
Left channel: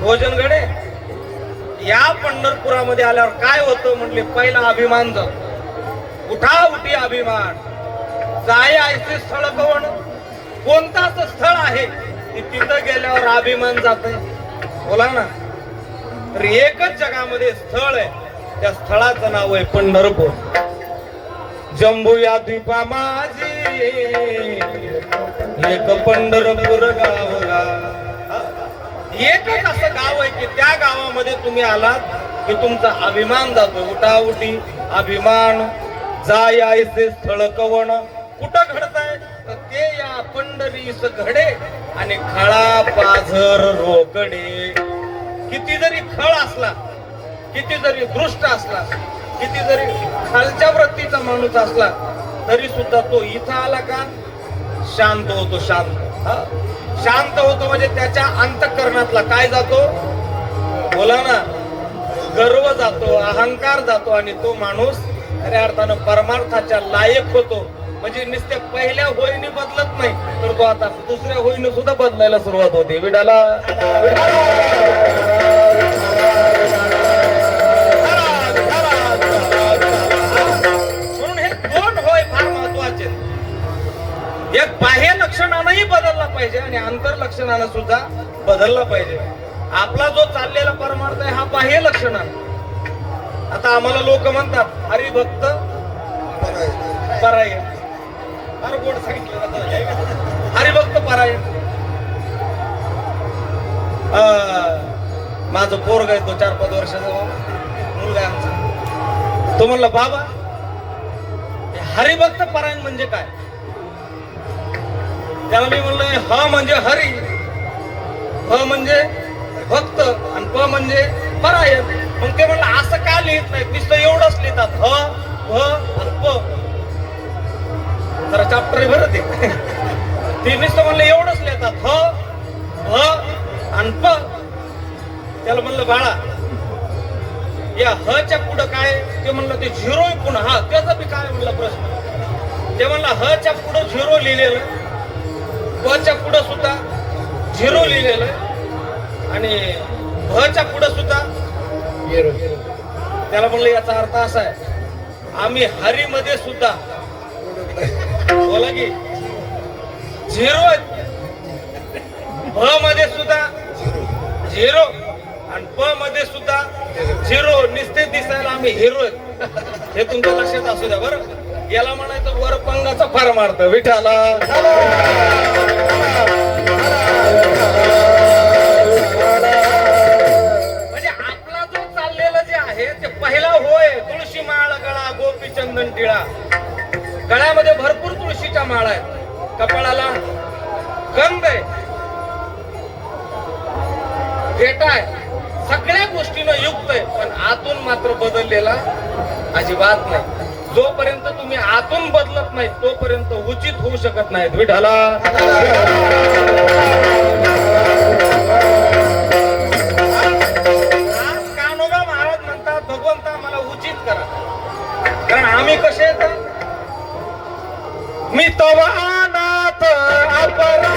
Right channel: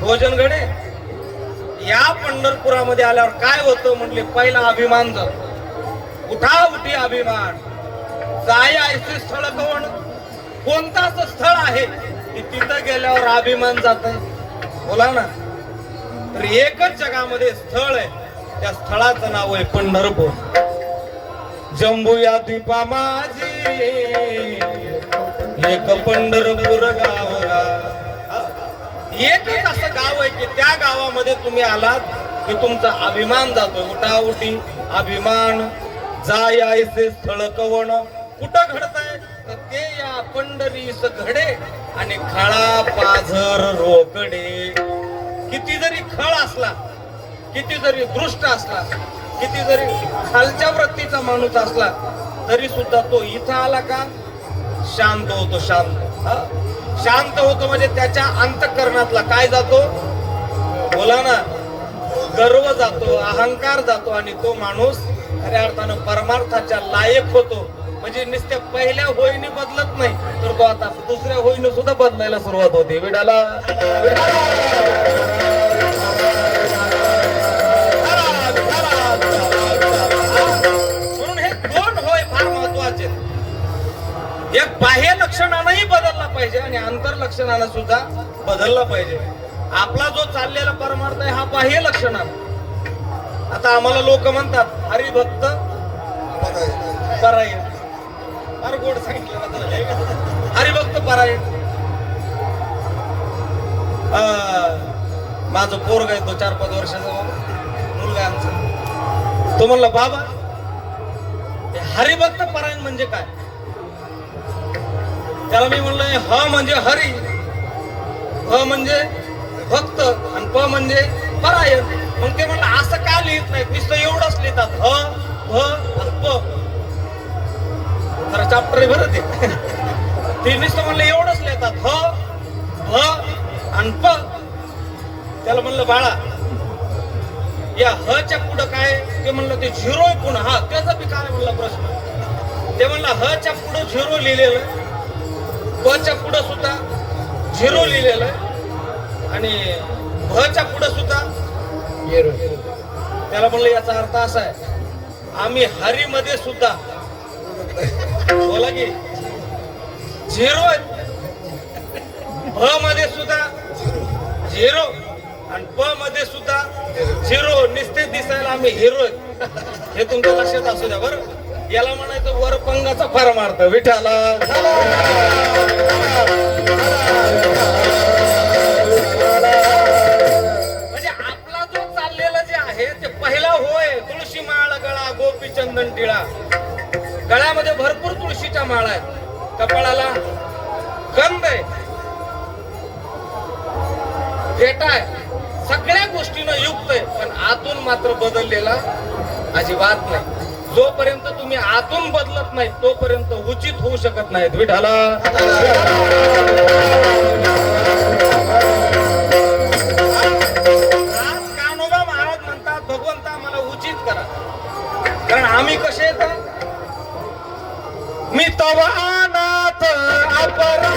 भोजन गडे. या पंढरपुरामध्ये आल्यावर काय होतं म्हणले, पहिला अभिमान जातो. उठा उठी अभिमान, जाय ऐसे स्थळ कवण. कोणताच स्थळ आहे की तिथं गेल्यावर अभिमान जात आहे? बोला ना. तर एकच जगामध्ये स्थळ आहे, त्या स्थळाचं नाव आहे पंढरपूर. जंबूया द्वीपा माझी एक पंढरपूर गाव. एकच असं गाव आहे की त्या गावामध्ये तुम्ही आलात की तुमचा अभिमान जातो. उठाउठी अभिमान जाय आयसे स्थळ कवण कुठं घडताय तर ते या पंढरीस घडे आणि खळा पाझर रोकडे. किती जरी खळ असला, किती जरी दृष्ट असला, किती जरी खालच्या वृत्तीचा माणूस असला तरी सुद्धा तो इथं आला का शांत होतो. शांत होतो म्हणजे त्याच्या अंतःकरणातला काय जातो बोला ना, गर्व जातो, अहंकार जातो आणि तो माणूस खऱ्या अर्थानं परमार्थाच्या लायक होतो. म्हणजे नुसत्या पहिल्या होईने बदलत नाही तर तो आता दुसऱ्या होईने सुद्धा बदलायला सुरुवात होते. विडाला म्हणून हे दोन होय फार महत्वाचे. एक बाह्य लक्षणानंही बदलला पाहिजे आणि अंतर लक्षणानं सुद्धा बदलला पाहिजे. आपला जो चाललेला परमार्थ आहे हा बाह्य लक्षण आहे. आता आम्हाला लोक म्हणतात हरिभक्त परायण. फार गोड सांगितलं हरिभक्त परायण. माझं पोरग आहे तो 4-5 वर्षाचा मुलगा आहे आमचा. तो म्हणला बाबा हरिभक्त परायण म्हणजे काय. त्याला मी म्हणलोय ह म्हणजे हरी, ह म्हणजे भक्त आणि प म्हणजे परायण. मग ते म्हणलं असं का लिहित नाही, नुसतं एवढंच लिहितात ह भ आणि प. जरा चॅप्टर भरत आहे ते नुसतं म्हणलं एवढंच लिहितात ह भ आणि प. त्याला म्हणलं बाळा या ह च्या पुढं काय, ते म्हणलं ते झिरो पुन्हा. हा त्याचा बी काय म्हणलं प्रश्न. ते म्हणलं ह च्या पुढं झिरो लिहिलेलं, प च्या पुढं सुद्धा झिरो लिहिलेलं आणि भ च्या पुढं सुद्धा झिरो. त्याला म्हणलं याचा अर्थ असा आहे आम्ही हरीमध्ये सुद्धा बोला की झिरो आहेत, भ मध्ये सुद्धा झिरो आणि प मध्ये सुद्धा झिरो. निश्चित दिसायला आम्ही हिरो आहेत हे तुमच्या लक्षात असू द्या बरं. याला म्हणायचं वरपंगाचा परमार्थ. विठाला म्हणजे आपला जो चाललेलं जे आहे ते पहिला होय तुळशी माळा गळा गोपी चंदन टिळा. गळ्यामध्ये भरपूर तुळशीच्या माळा आहेत, कपाळाला गंध आहे, फेटा आहे, सगळ्या गोष्टीनं युक्त आहे. पण आतून मात्र बदललेला अजिबात नाही. जोपर्यंत तुम्ही आतून बदलत नाही तोपर्यंत उचित होऊ शकत नाहीत. विठाला कान्होबा महाराज म्हणतात भगवंता मला उचित करा. कारण आम्ही कसे आहेत, मी तवा नाथ अपरा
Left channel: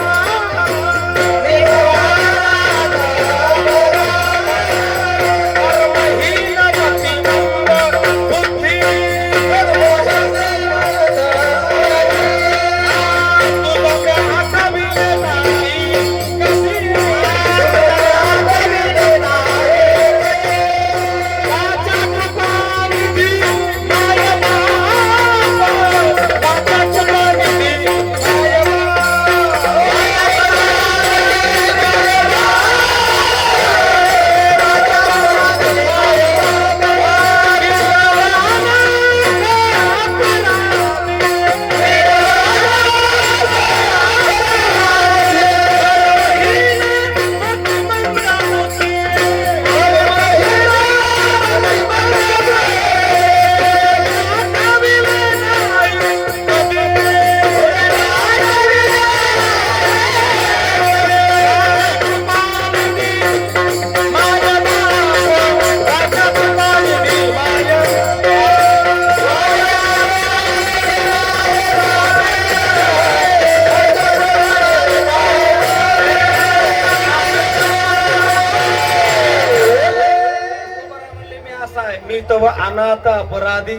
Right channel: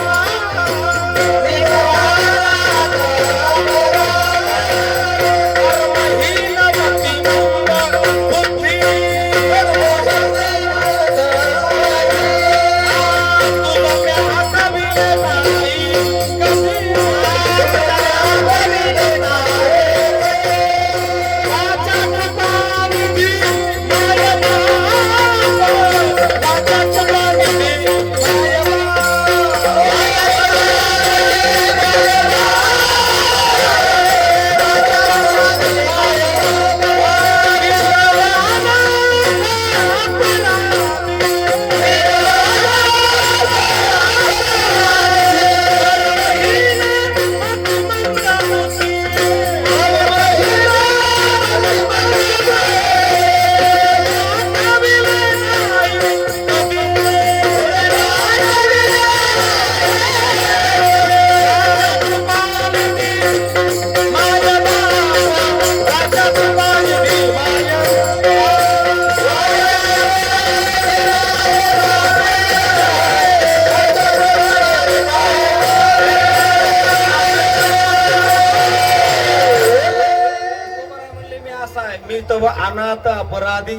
अनाथ अपराधी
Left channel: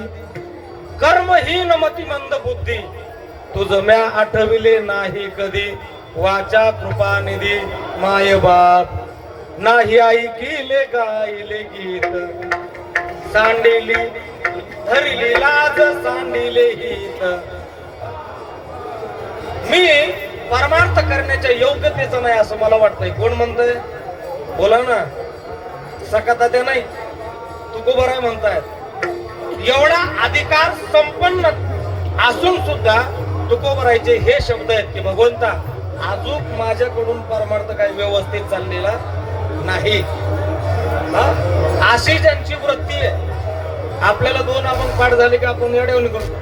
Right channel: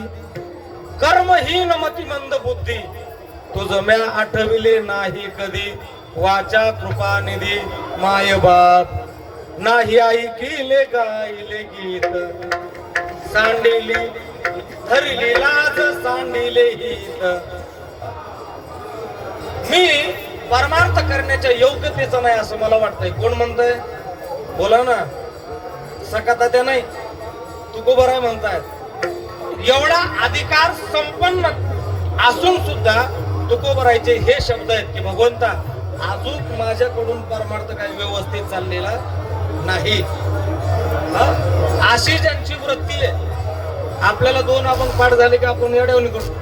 कर्महीन मतिमंद बुद्धी तुझ म्या आठविले नाही कधी वाचा कृपा निधी माय बाप नाही ऐकिले गायले गीत सांडिली धरली लाज सांडिले हित. मी परमार्थ करण्याच्या योग्यतेचं नाही असं मला वाटतंय. कोण म्हणतंय बोला ना. सकता ते नाही तुकोबराय म्हणतायत एवढा अधिकार संपन्न असून सुद्धा तुकोबरायचे हे शब्द आहेत की भगवंता अजून माझ्याकडून परमार्थ काही व्यवस्थित चाललेला नाही. अशी ज्यांची वृत्ती आहे. आपल्याला दोन आपण पाठ झाले की आपण येऊन करतो.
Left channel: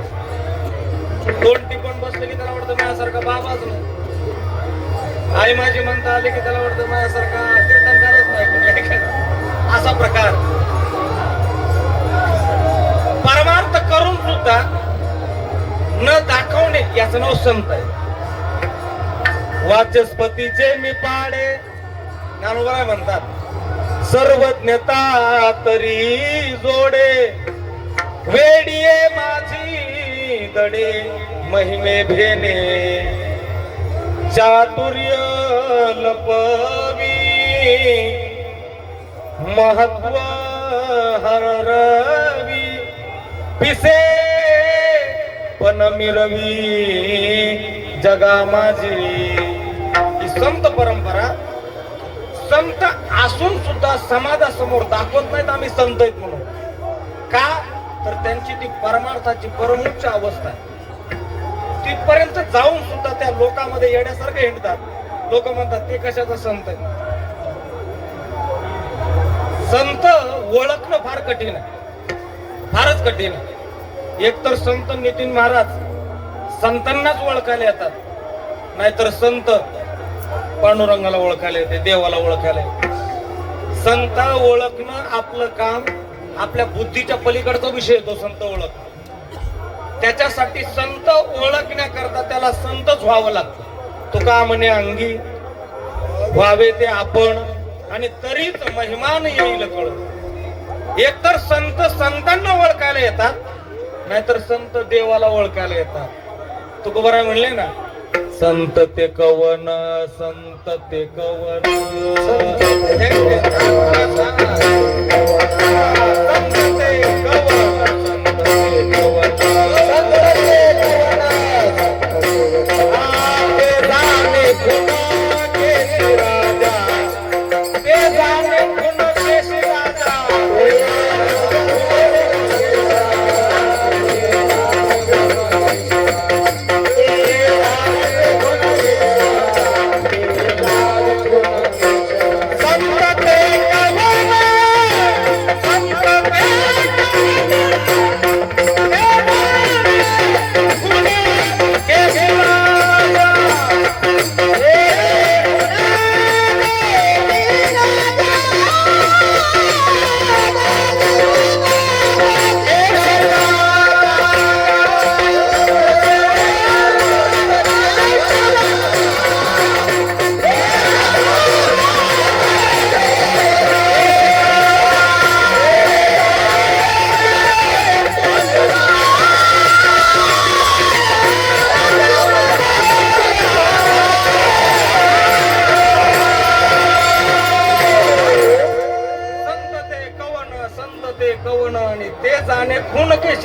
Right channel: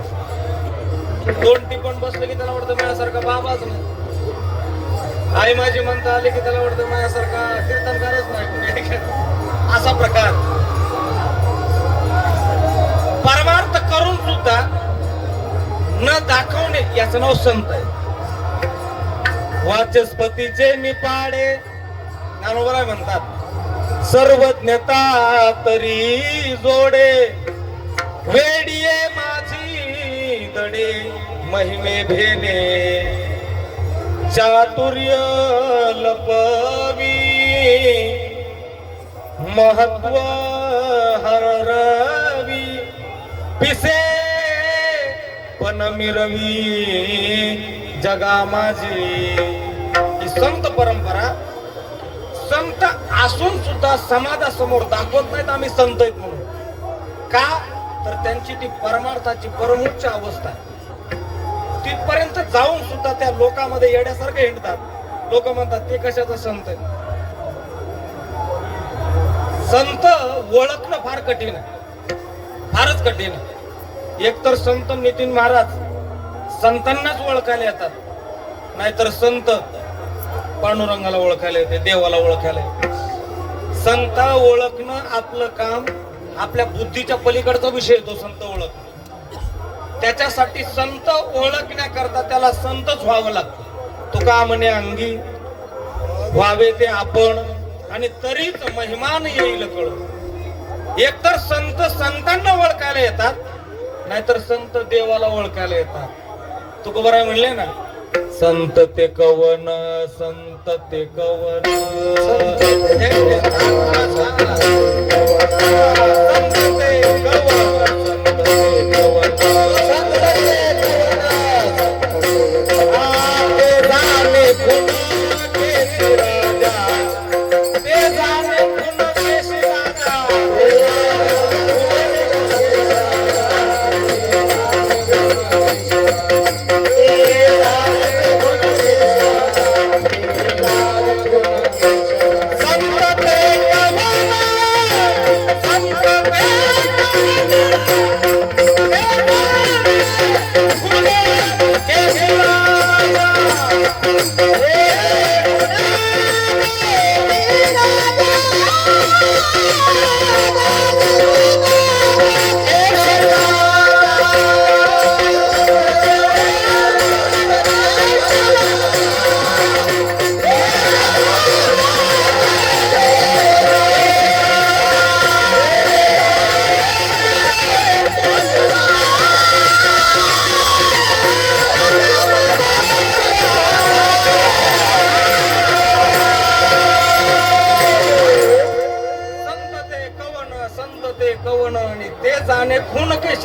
दोन टिपण बसले की त्याला वाटतं माझ्यासारखा बाबाच नाही. आई माझी म्हणता आली की त्याला वाटतं माझ्यासारखा कीर्तनकारच नाही. असा प्रकार परमार्थ करून सुद्धा न दाखवणे याचं नाव संत आहे. वाचस्पतीचे मी पाडे ज्ञानोबराय म्हणतात सर्वज्ञता तरी जोडे वेडिये माझी दडे महिमे भेने चातुर्य लपवी महत्व हरवी पिसे पण मिरवी जगा माझी. ही संत परंपरा संत असून सुद्धा समाजासमोर दाखवत नाहीत आम्ही संत आहेत म्हणून. का तर त्यांची ती परमार्थाची परमोच्च अवस्था तिथपर्यंत जाऊन सुद्धा त्या लोकांमध्ये येण्यासारखे हिंडतात. लोक म्हणतात ते कशाचा संत आहे. संत ओळखणं फार कठीण आहे. फारच कठीण आहे. एक तर संत नितीन महाराज संतांनाच ओळखायला येतात. नाहीतर संत पांडुरंगाला ओळखायला येते देवाला ओळखायला येते. संत ओळखणं आपलं काम आपल्या बुद्धीच्या पलीकडचा विषय तो संत ओळखणं. त्याच्यासाठी संत ओळखण्याकरता त्याला संतच व्हावं लागतं. तो का म्हणे अंगी व्हावे ते आपण आणि तरीच महिमान येईल कळून. एकतर संत संतांना ओळखायला येतात नाहीतर संत देवाला ओळखायला येतात. तुकोबराय म्हणले ना संत ते कवन संत ते कवन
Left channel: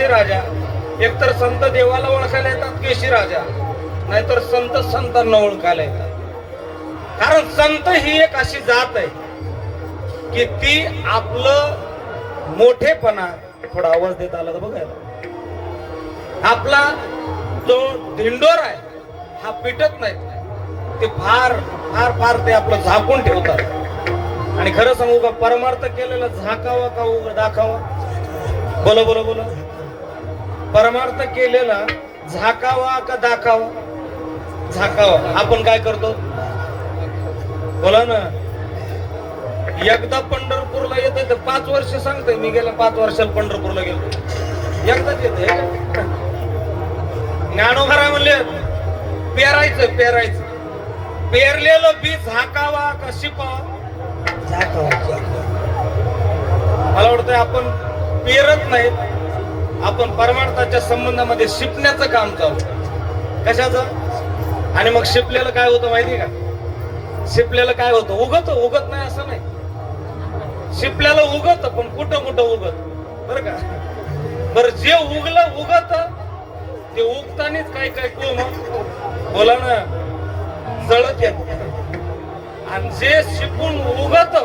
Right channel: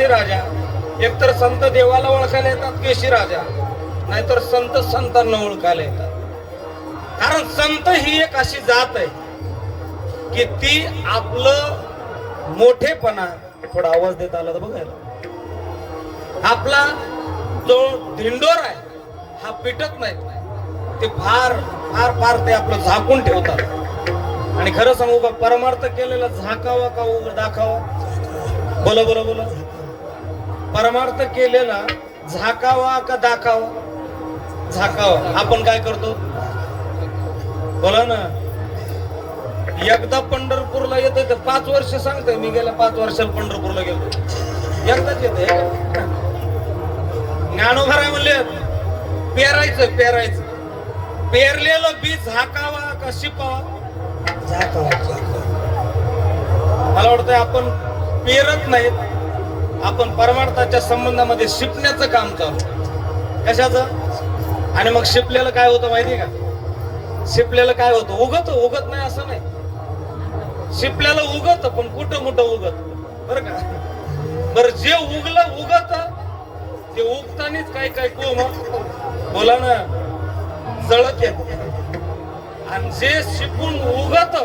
राजा. एकतर संत देवाला ओळखायला येतात केशी राजा नाहीतर संत संतांना ओळखायला येतात. कारण संत ही एक अशी जात आहे की ती आपलं मोठेपणा थोडा आवाज देत आला तर बघायला आपला जो दिंडोर आहे हा पिटत नाही. ते फार फार फार ते आपलं झाकून ठेवतात. आणि खरं सांगू का परमार्थ केलेला झाकावा का दाखावा. बोला बोला बोला. परमार्थ केलेला झाकावा का दाखावा. झाकावा. आपण काय करतो बोला ना. एकदा पंढरपूरला येते तर 5 वर्ष सांगते मी गेल्या 5 वर्षाला पंढरपूरला गेलो. एकदाच येते. ज्ञानोबा म्हणले पेरायचं पेरायचं. पेरलेलं बी झाकावा का शिपावा. झाकावा. मला वाटतं आपण पेरत नाही आपण परमार्थाच्या संबंधामध्ये शिकण्याचं काम चालू. कशाचं. आणि मग शिपलेलं काय होतं माहिती का. शिपलेलं काय होतं उगत उगत नाही असं नाही. शिपल्याला उगत पण कुठं कुठं उगत बरं का. बरं जे उगलं उगत ते उगतानीच काय काय बोला ना जळत येत. आणि जे शिकून उगत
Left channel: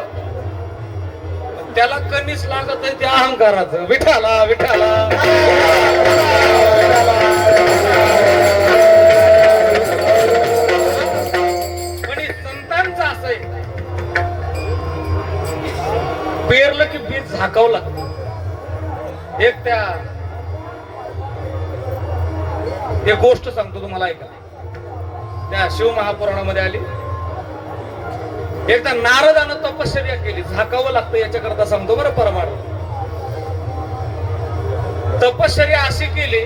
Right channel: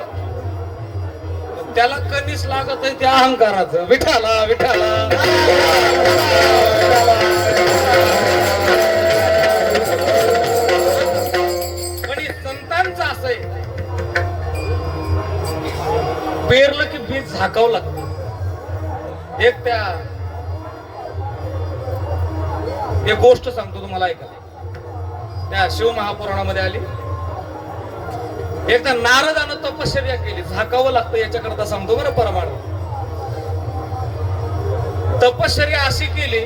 त्याला कणीस लागत आहे त्या अहंकाराचं. विठाला विठाला पण हे संतांचं असं आहे, पेरलं की बीज झाकावं लागतं. एक गोष्ट सांगतो तुम्हाला, ऐका. त्या शिवमहापुराणामध्ये आली. एकदा नारदानं तपश्चर्या केली. झाकावं लागतं याच्याकरता सांगतो बरं परमाणू. तपश्चर्या अशी केली,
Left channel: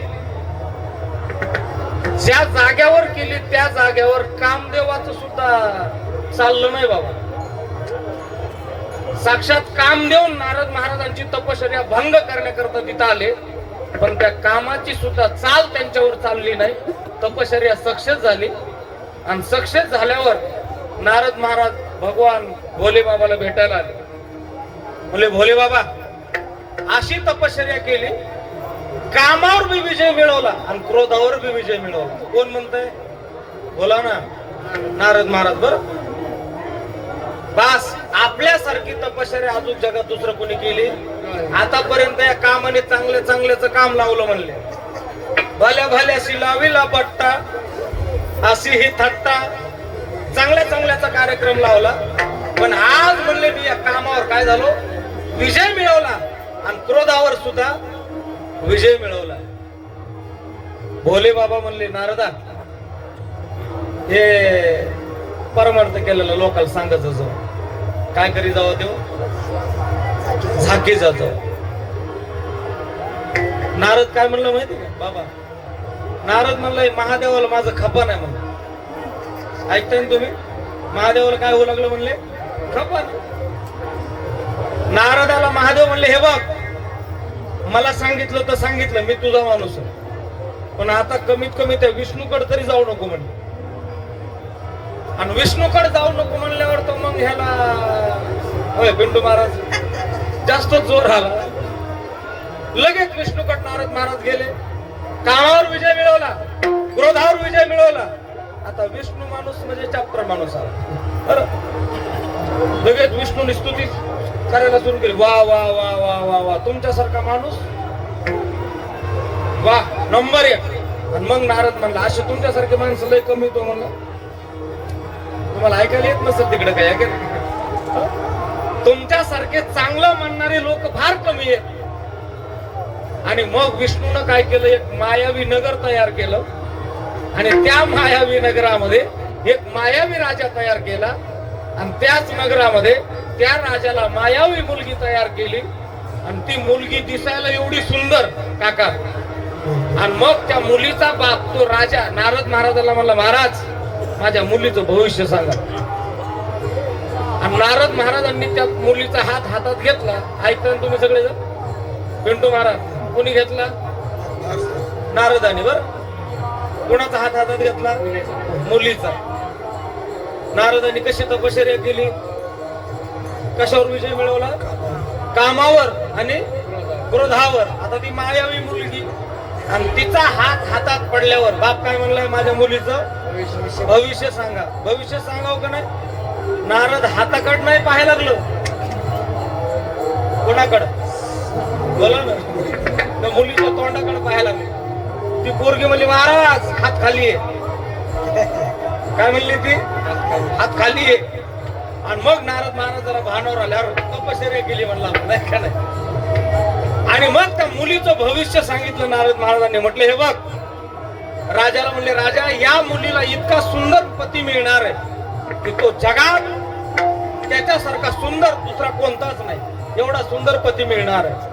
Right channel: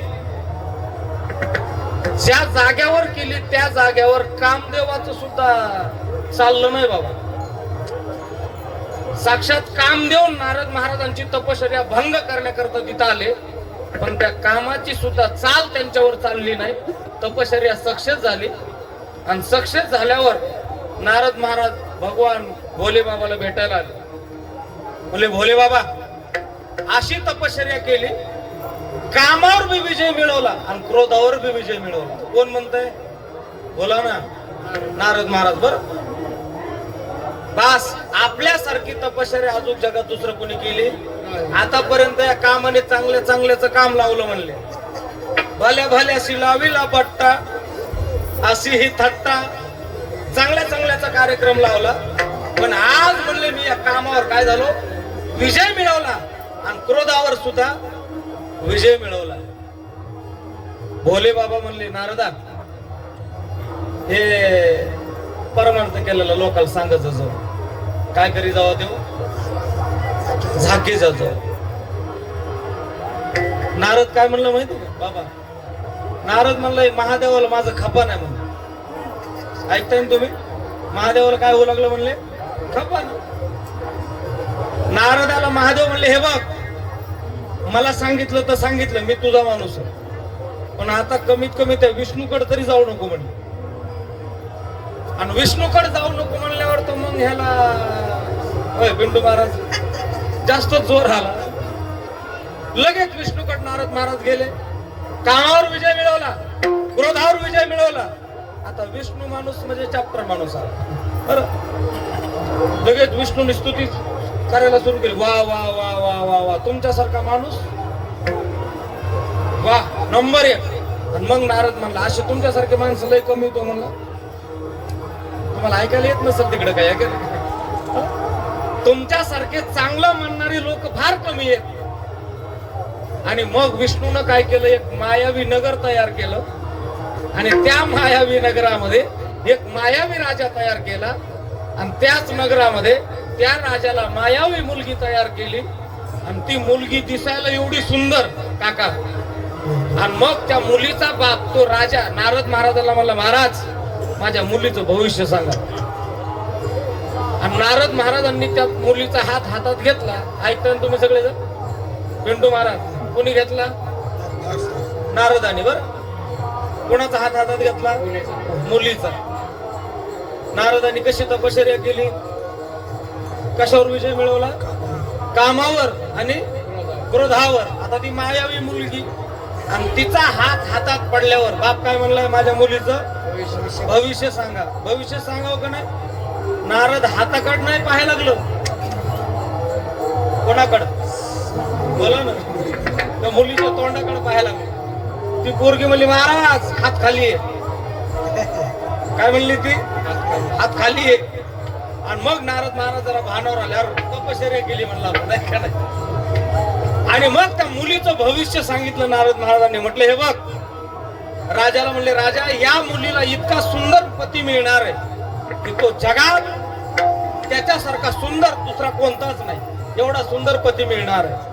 ज्या जाग्यावर केली त्या जाग्यावर कामदेवाचं सुद्धा चाललं नाही बाबा. साक्षात कामदेव नारद महाराजांची तपश्चर्या भंग करण्याकरता तिथं आले, पण त्या कामाची सुद्धा चाल त्यांच्यावर चालली नाही. तपश्चर्या सक्सेस झाली आणि सक्सेस झाल्यावर नारद महाराज भगवान भोले बाबाला भेटायला आले. बोले भोले बाबा, अशी तपश्चर्या केली, कामावर बी विजय मिळवला आणि क्रोधावर बी विजय मिळवला. कोण म्हणतंय? बोला ना, नारद महाराज. बरं, बस आपल्यासारखी तपश्चर्या अजून जगात दुसरं कोणी केली आतापर्यंत? या कामाने चांगल्याचं काम लावलं म्हणले. भल्या भल्याशी लाविला बट्टा, अशी ही थट्टा. चांगल्याचा कार्यक्रम लावला, पण आज म्हणले मी या कामावर काय झालो, विजय मिळवला आणि क्रोधावर सुद्धा विजय मिळवला. भोले बाबा म्हणले, नारदा, हे परमार्थ केलेलं लोकांना सांगायचं. काय करी जावं देव, झाकी जातो. नारद काय म्हणलं माहिती का बाबा? नारद म्हणलं, महादेवाला माझं खपा नाही म्हणलं. ऐकताय ना तुम्ही? महादेवाला काय होऊ लागलं म्हणले? खपा. नारदाला महादेव म्हणले, हे बघ, मला सांगितलं तर सांगितलं, मी तुझा माणूस आहे, पण आता कमीत कमी त्या विष्णूकडे तरी जाऊ नको म्हणले. आणि विष्णूकडे जाऊ नको म्हणल्यावर तर मग ह्याला होय बिंडू महाराज जास्त जोर आला. लगेच विष्णूकडे नारद महाराज गेले. कामावर विजय मिळवला, क्रोधावर विजय मिळवला. आता विष्णू माणूस म्हणजे चाप्टर माणूस आहे. बरं, लगेच विष्णूने स्तुती करायला सुरू केली. वा वा वा वा वा वा, तुमच्यासारखा माणूस वा, नंबर 1. आणि मग नारद म्हणला, असे तुमच्यासारखे माणसं लय कमी होतो म्हणला. तुम्हाला ऐकायला येत नसेल तिकडे काय, तुमच्यासारखे चांगलं म्हणणारे लोक फार कमी आहेत. आणि मग विष्णूनं काय केलं, एक मायावी नगर तयार केलं आणि त्या मायावी नगरामध्ये एक मायावी राजा तयार केला आणि त्याच नगरामध्ये त्या राजाला मायावी मुलगी तयार केली आणि ती मुलगी दिसायला एवढी सुंदर काका. आणि मग त्या मुलीचा बाप तो राजा नारद महाराजाला म्हणला, महाराज माझ्या मुलीचं भविष्य सांगा. आणि नारद महाराजांनी त्या मुलीचा हात हातात घेतला. ऐकता तुम्ही सगळे? पिंटू महाराज कोणी घेतला? नारदाने. बरं, कोणाचा हात हातात घेतला? मुलीचा. नारदांनी कशी तपश्चर्या केली, कशावर विजय मिळवला? कामावर आणि क्रोधावर. आता ती मायावी मुलगी आणि तिचा हात हातात पडल्यावर बाप काय म्हणलाय, माझ्या मुलीचं भविष्य सांगा. भविष्य सांगावं का नाही? नारद हाताकडे नाही पाहायला लागलो, कोणाकडं? बोला ना, त्या मुलीच्या तोंडाकडे पाहायला लागलो. ती पोरगी म्हणली, महाराज हात खाली आहे. काय म्हणली ती? हात खाली आहे. आणि मग नारद महाराज जरा भानावर आल्यावर तपश्चर्या केली म्हणला आपण. आणि मग त्या मुलीचं भविष्य सांगितलं नारद महाराजांनी. म्हटलं, हे बघ, राजाला म्हणले, राजा या मुलीला इतका सुंदर पती मिळणार आहे की तो जगात त्याच्यासारखा सुंदर दुसरा कोणताच नाही, एवढा सुंदर पती मिळणार आहे.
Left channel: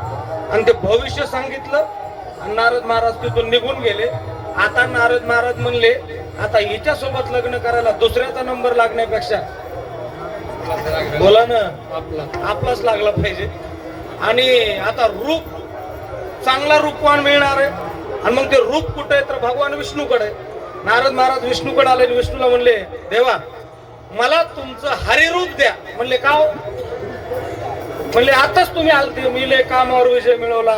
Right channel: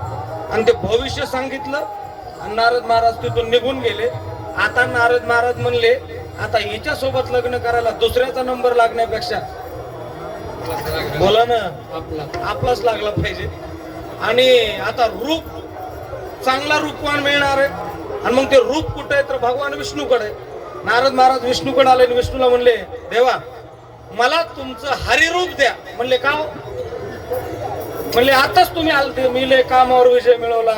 आणि ते भविष्य सांगितलं. नारद महाराज तिथून निघून गेले. आता नारद महाराज म्हणले, आता हिच्यासोबत लग्न करायला दुसऱ्याचा नंबर लागण्यापेक्षा बोला ना आपलाच लागला पाहिजे. आणि आता रूप चांगला रूपवान मिळणार आहे. आणि मग ते रूप कुठे आहे तर भगवान विष्णूकडे. नारद महाराज विष्णूकडे आले आणि विष्णूला म्हणले, देवा मला तुमचं हरिरूप द्या. म्हणले, का? म्हणले, आताच तुम्ही आलते, मी कामावर विजय मिळवला,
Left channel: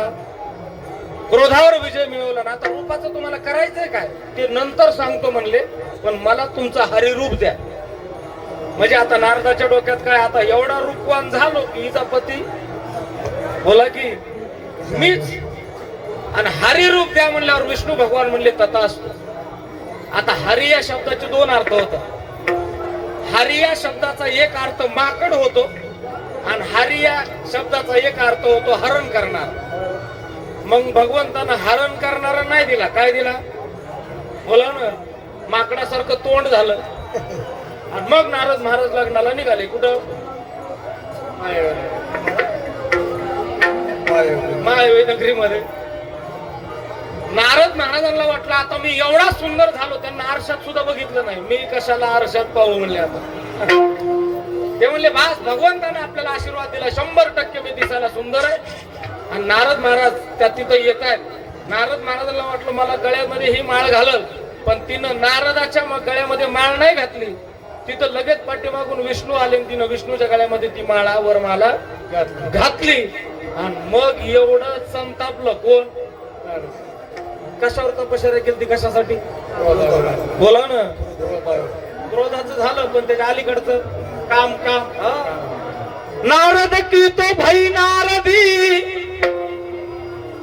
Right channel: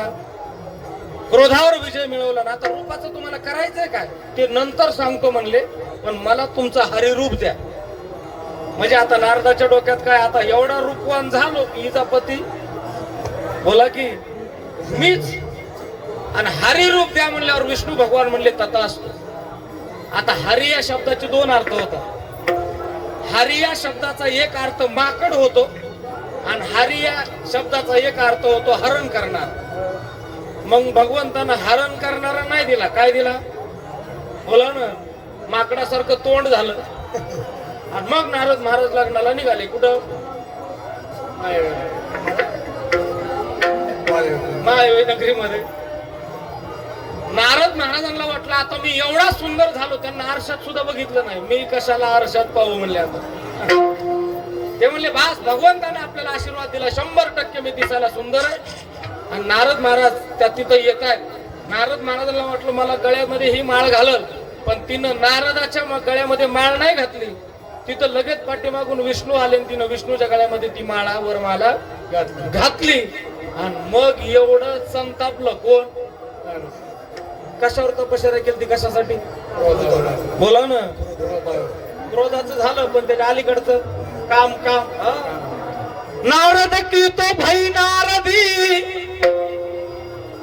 क्रोधावर विजय मिळवला ना, आता रूपाचं तुम्हाला करायचंय काय ते नंतर सांगतो म्हणले, पण मला तुमचं हरिरूप द्या. म्हणजे आता नारदाच्या डोक्यात काय, आता एवढा रूपवान झालो की हिचा पती बोला की मीच. आणि हरी रूप द्या म्हणल्यावर विष्णू भगवान म्हणले तथास्तु. आता हरी या शब्दाचे दोन अर्थ होतात. हरी या शब्दाचा एक अर्थ माकड होतो आणि हरी या शब्दाचा एक अर्थ होतो हरण करणार. मग भगवंतानं हरण करणारा नाही दिला, काय दिला? बोला ना, माकडासारखं तोंड झालं. आणि मग नारद महाराज लग्नाला निघाले. कुठं? माय नगरीमध्ये. नारद महाराजांना वाटलं आता मी एवढा सुंदर झालो, त्यांना आरशात सुद्धा बघितलं नाही. मी कशाला आरशात पाहू म्हणले. आता ते म्हणले बास भगवंताने आपल्याला आशीर्वाद दिला, 100% मी दिसायला सुंदर आहे. आणि नारद महाराज त्या तिथे येत आहेत. नारद महाराजांना वाटलं मला गळ्यामध्ये ही माळ घालल, पण तिनं नारदाच्या गळ्यामध्ये माळ नाही घातली. तिथं लगेच पाठीमागून विष्णू आले, तिनं विष्णूच्या गळ्यामध्ये ती माळा वरमाला घातली. आणि मग एवढं संतापलं. कोण? कशावर तपश्चर्या केली ती? कशासाठी? बोला ना. क्रोधाचं झालं, पण त्याच्या अलीकडचं काम. नारद की तो भाई नारदी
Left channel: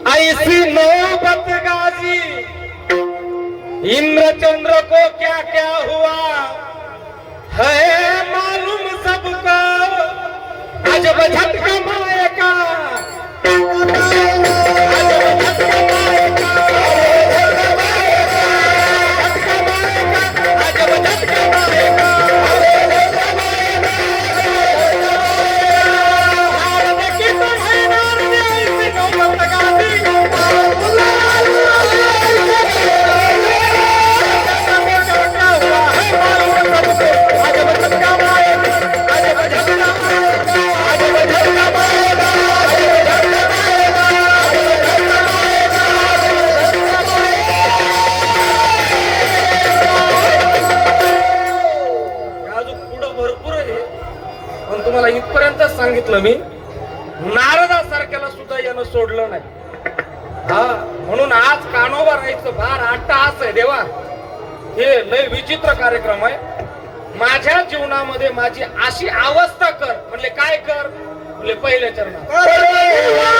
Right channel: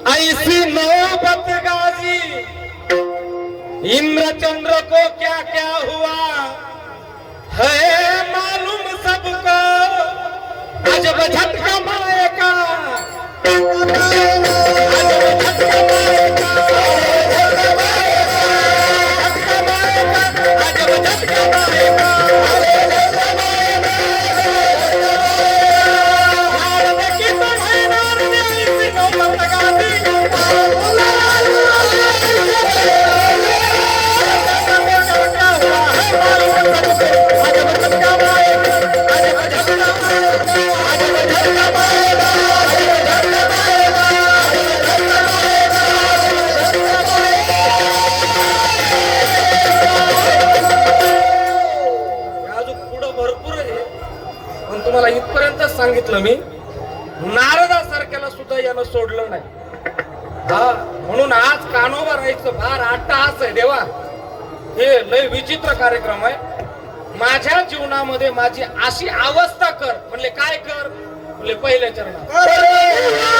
ऐसी नौबत गाजी, इंद्र चंद्र को क्या क्या हुआ है मालूम सबको, अजब झटका माए का, अजब झटका माए का, अजब झटका माए का. तुम्हाला इथपर्यंत सांगितलं मी. नारदासारख्याला सुद्धा यानं सोडलं नाही. हा, म्हणून आज कानोबा राहायचं फार अट्टहास आहे देवा. हे लय विचित्र कार्यक्रम आहे. माझ्या जीवनामध्ये माझी अशी अवस्था कर म्हणले. काय कर म्हणले? पहिल्या चरणात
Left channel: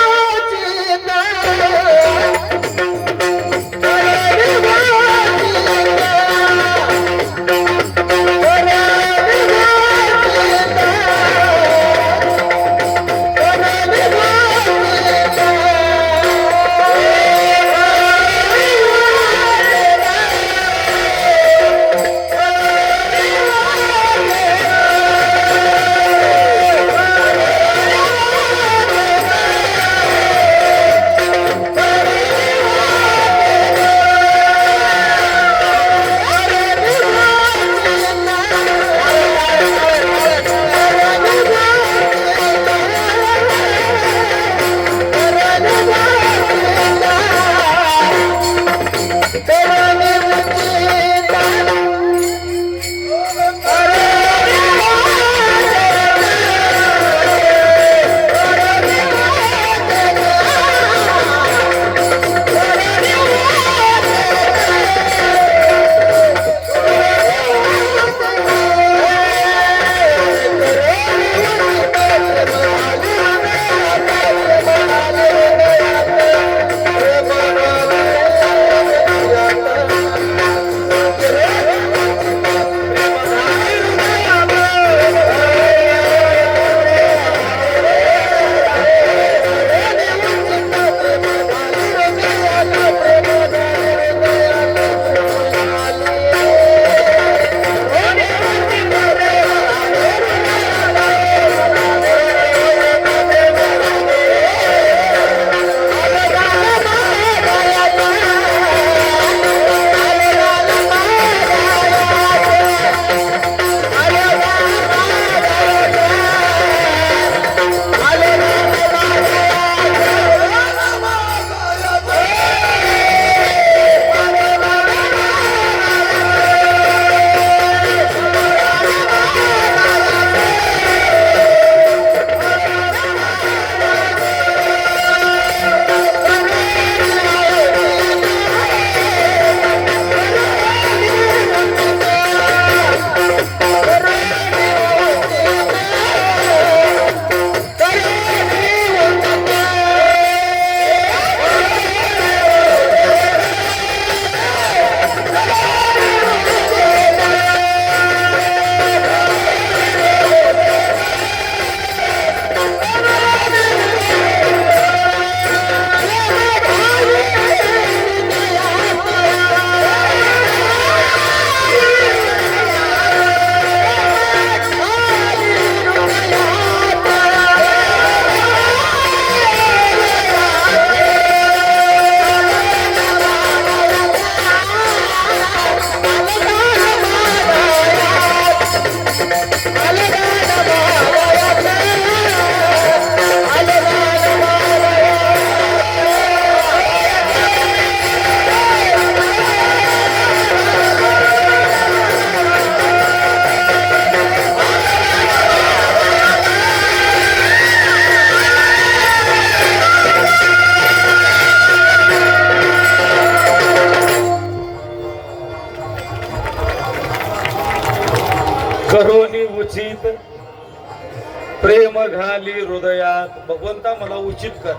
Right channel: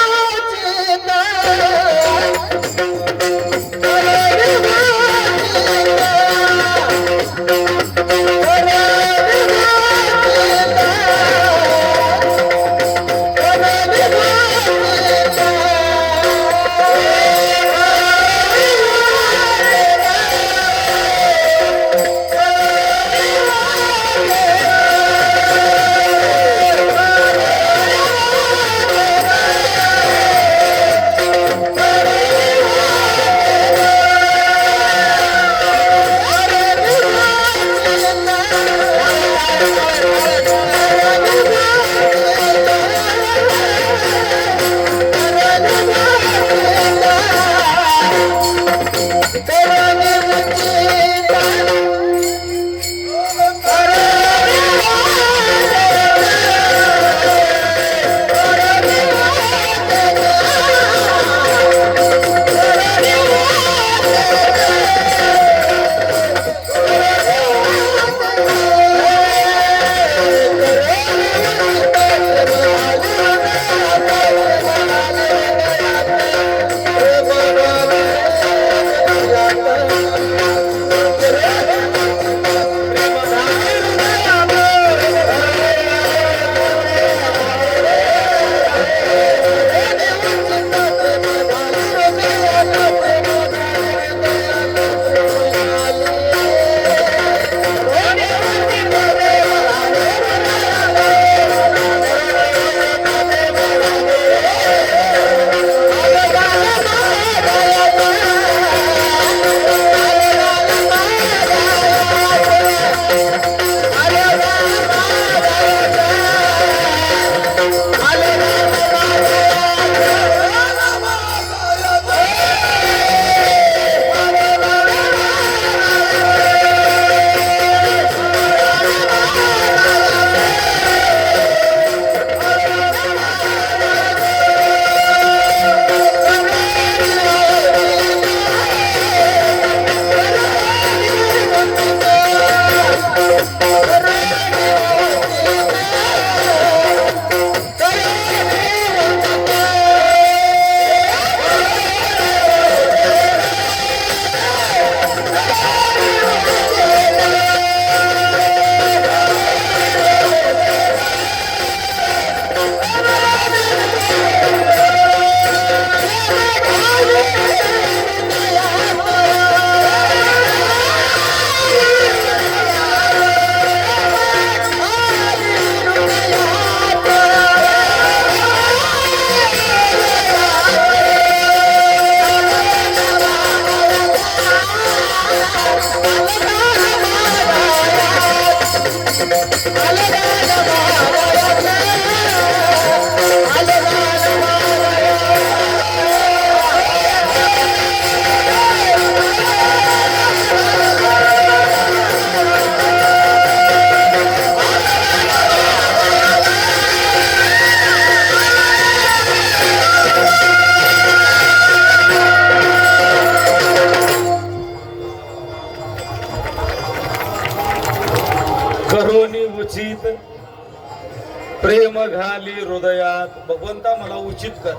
करोनी उचित प्रेम घाली हृदयात. भगवंता मला उचित कर.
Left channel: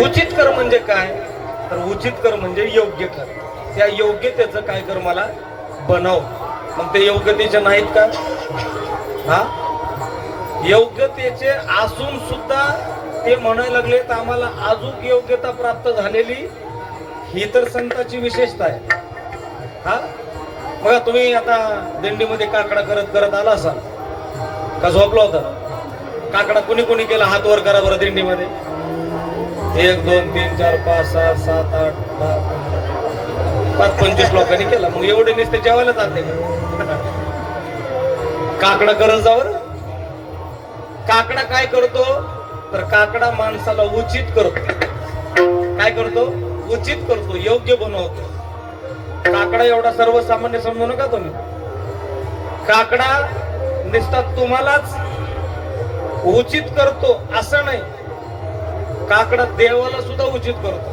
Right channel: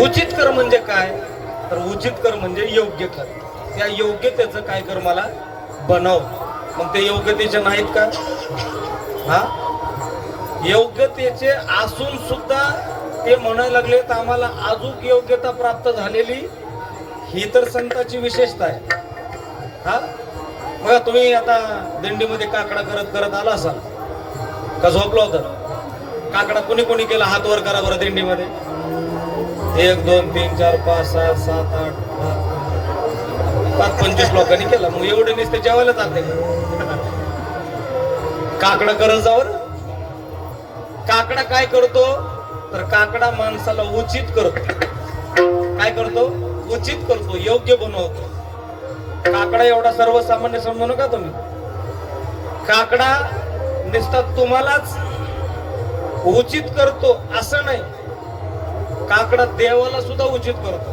उचित कर म्हणजे काय? तर उचित कर म्हणजे योग्य कर. त्या योग्यतेचं काय कर मला बनव. मग ते योग्यतेचे नाहीत का? हा, योग्यतेचे असून सुद्धा ते म्हणायला लागले तर आम्हाला अजून योग्यता प्राप्त झालेली, ही तर संतांची विशेषता आहे. हा, बघा तुम्ही आता दिंडीमध्ये काकडा करत करत आला असाल का? झोपला होता काकडा? कोणी कोणी केला? हात वर करा बरं. दिंडीमध्ये 1 2 3 4 5 6 7 8 25 लोकांनी केला. मग एवढे नुसते जेवायला जाते काकडा करत जावर. काकडा काय करतो? तर काकडा माणसाला उचित करतो. काय करतो? उचित करतो, योग्य बनवतो. काकडा एवढा सर्वसामान्य समजू नका तुम्ही. काकडा नुसता तुम्हालाच उचित करतो असं नाही, काकडा देवाला सुद्धा उचित करतो.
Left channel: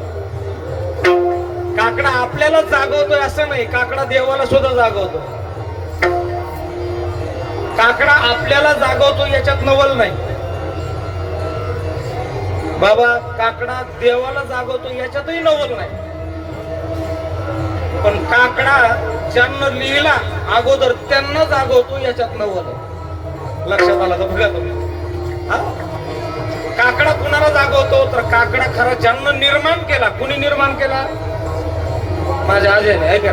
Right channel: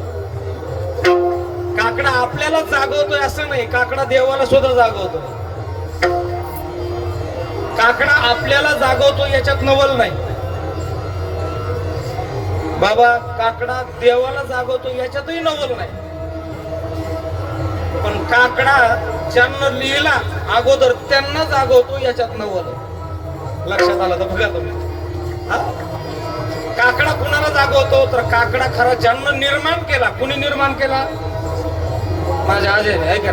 काकडा आपल्याला जागवतोय असं नाही, काकडा देवाला सुद्धा जागवतो. काकडा आपल्याला जागवतो याच्यात नवल नाही बाबा. काकडा देवाला जागवतो याच्यातही नवल नाही. पण काकडा ज्यांना लिहिला अगोदर त्यांना जागवतो याच्यात नवल. लक्षात आला तर बघा तुम्ही. काकडा कुणाला जागवतो? तर काकडा खरा ज्यांना निर्माण केला. कुणी निर्माण केला? माझ्या आजीने. आहे का?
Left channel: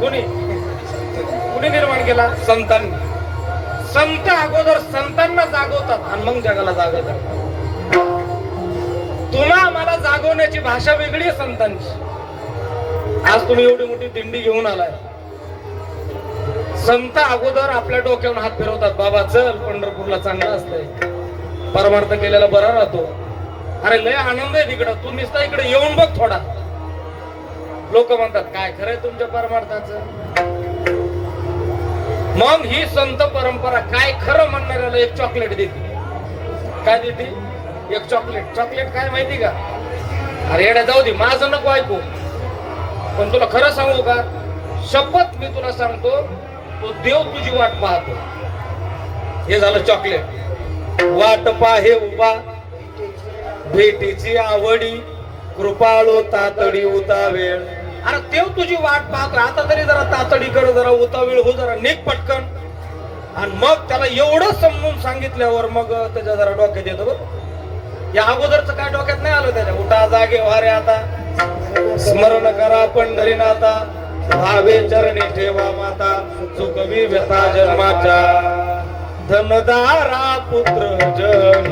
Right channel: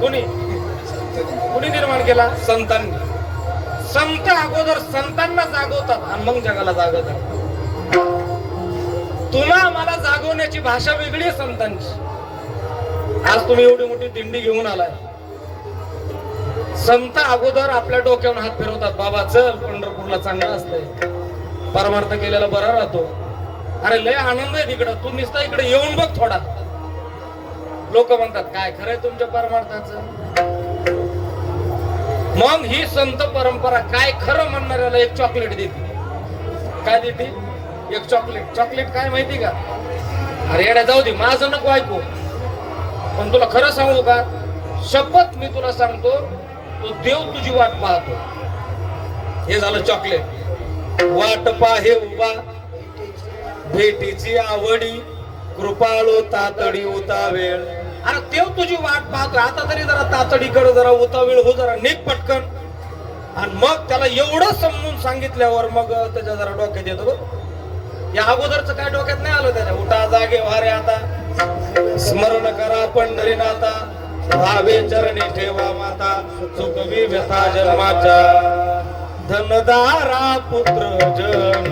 कुणी निर्माण केला? संतांनी. संत अगोदर संतांना जागवतात आणि मग जगाला जागवतात. तुला मला जागवण्याची भाषा वेगळी आहे संतांची. आज तुम्ही एवढी मोठी दिंडी घेऊन आलाय. संत अगोदर आपल्या डोक्यावर हात फिरवतात. बाबा चल पंढरपूरला चांगलं असतंय, परमार्थ केलेला बरा राहतो. अरे लय आनंद आहे तिकडं, तू नुसता इकडे येऊन बघ थोडा. लोक म्हणतात काय खरंय तुमच्या परमार्थाचं? मग ही संत परंपरा काय खरं म्हणणाऱ्याला एक चॉकलेट देते. काय देते? एक चॉकलेट. चॉकलेट काय माहिती का? अरे येडा जाऊ दे, माझं नको ऐकू. पण तुला खरं सांगू का? शपथ मी तुला सांगतो, तो देव तुझी वाट पाहतो. हे झालं चॉकलेट. वाट पाहे उभा भेटीची आवडी, कृपाळू तातडी उतावेळ. अरे देव तुझी वाट पाहतो. आता तरी जरा तातडीकडे जरा उतावेळ हो, जरा निघ पटकन. आणि मग त्याला एवढं समजून सांगितल्यावर मग त्याच्या जरा डोक्यात येतो. या अगोदरच काय डोक्यात नाही आलं त्याच्या. उठा जागे वारे आता, स्मरण करा पंढरीनाथा, भावे चरणी ठेवा माता, चुकवी व्यथा जन्माच्या. धनदारा पुत्र जन,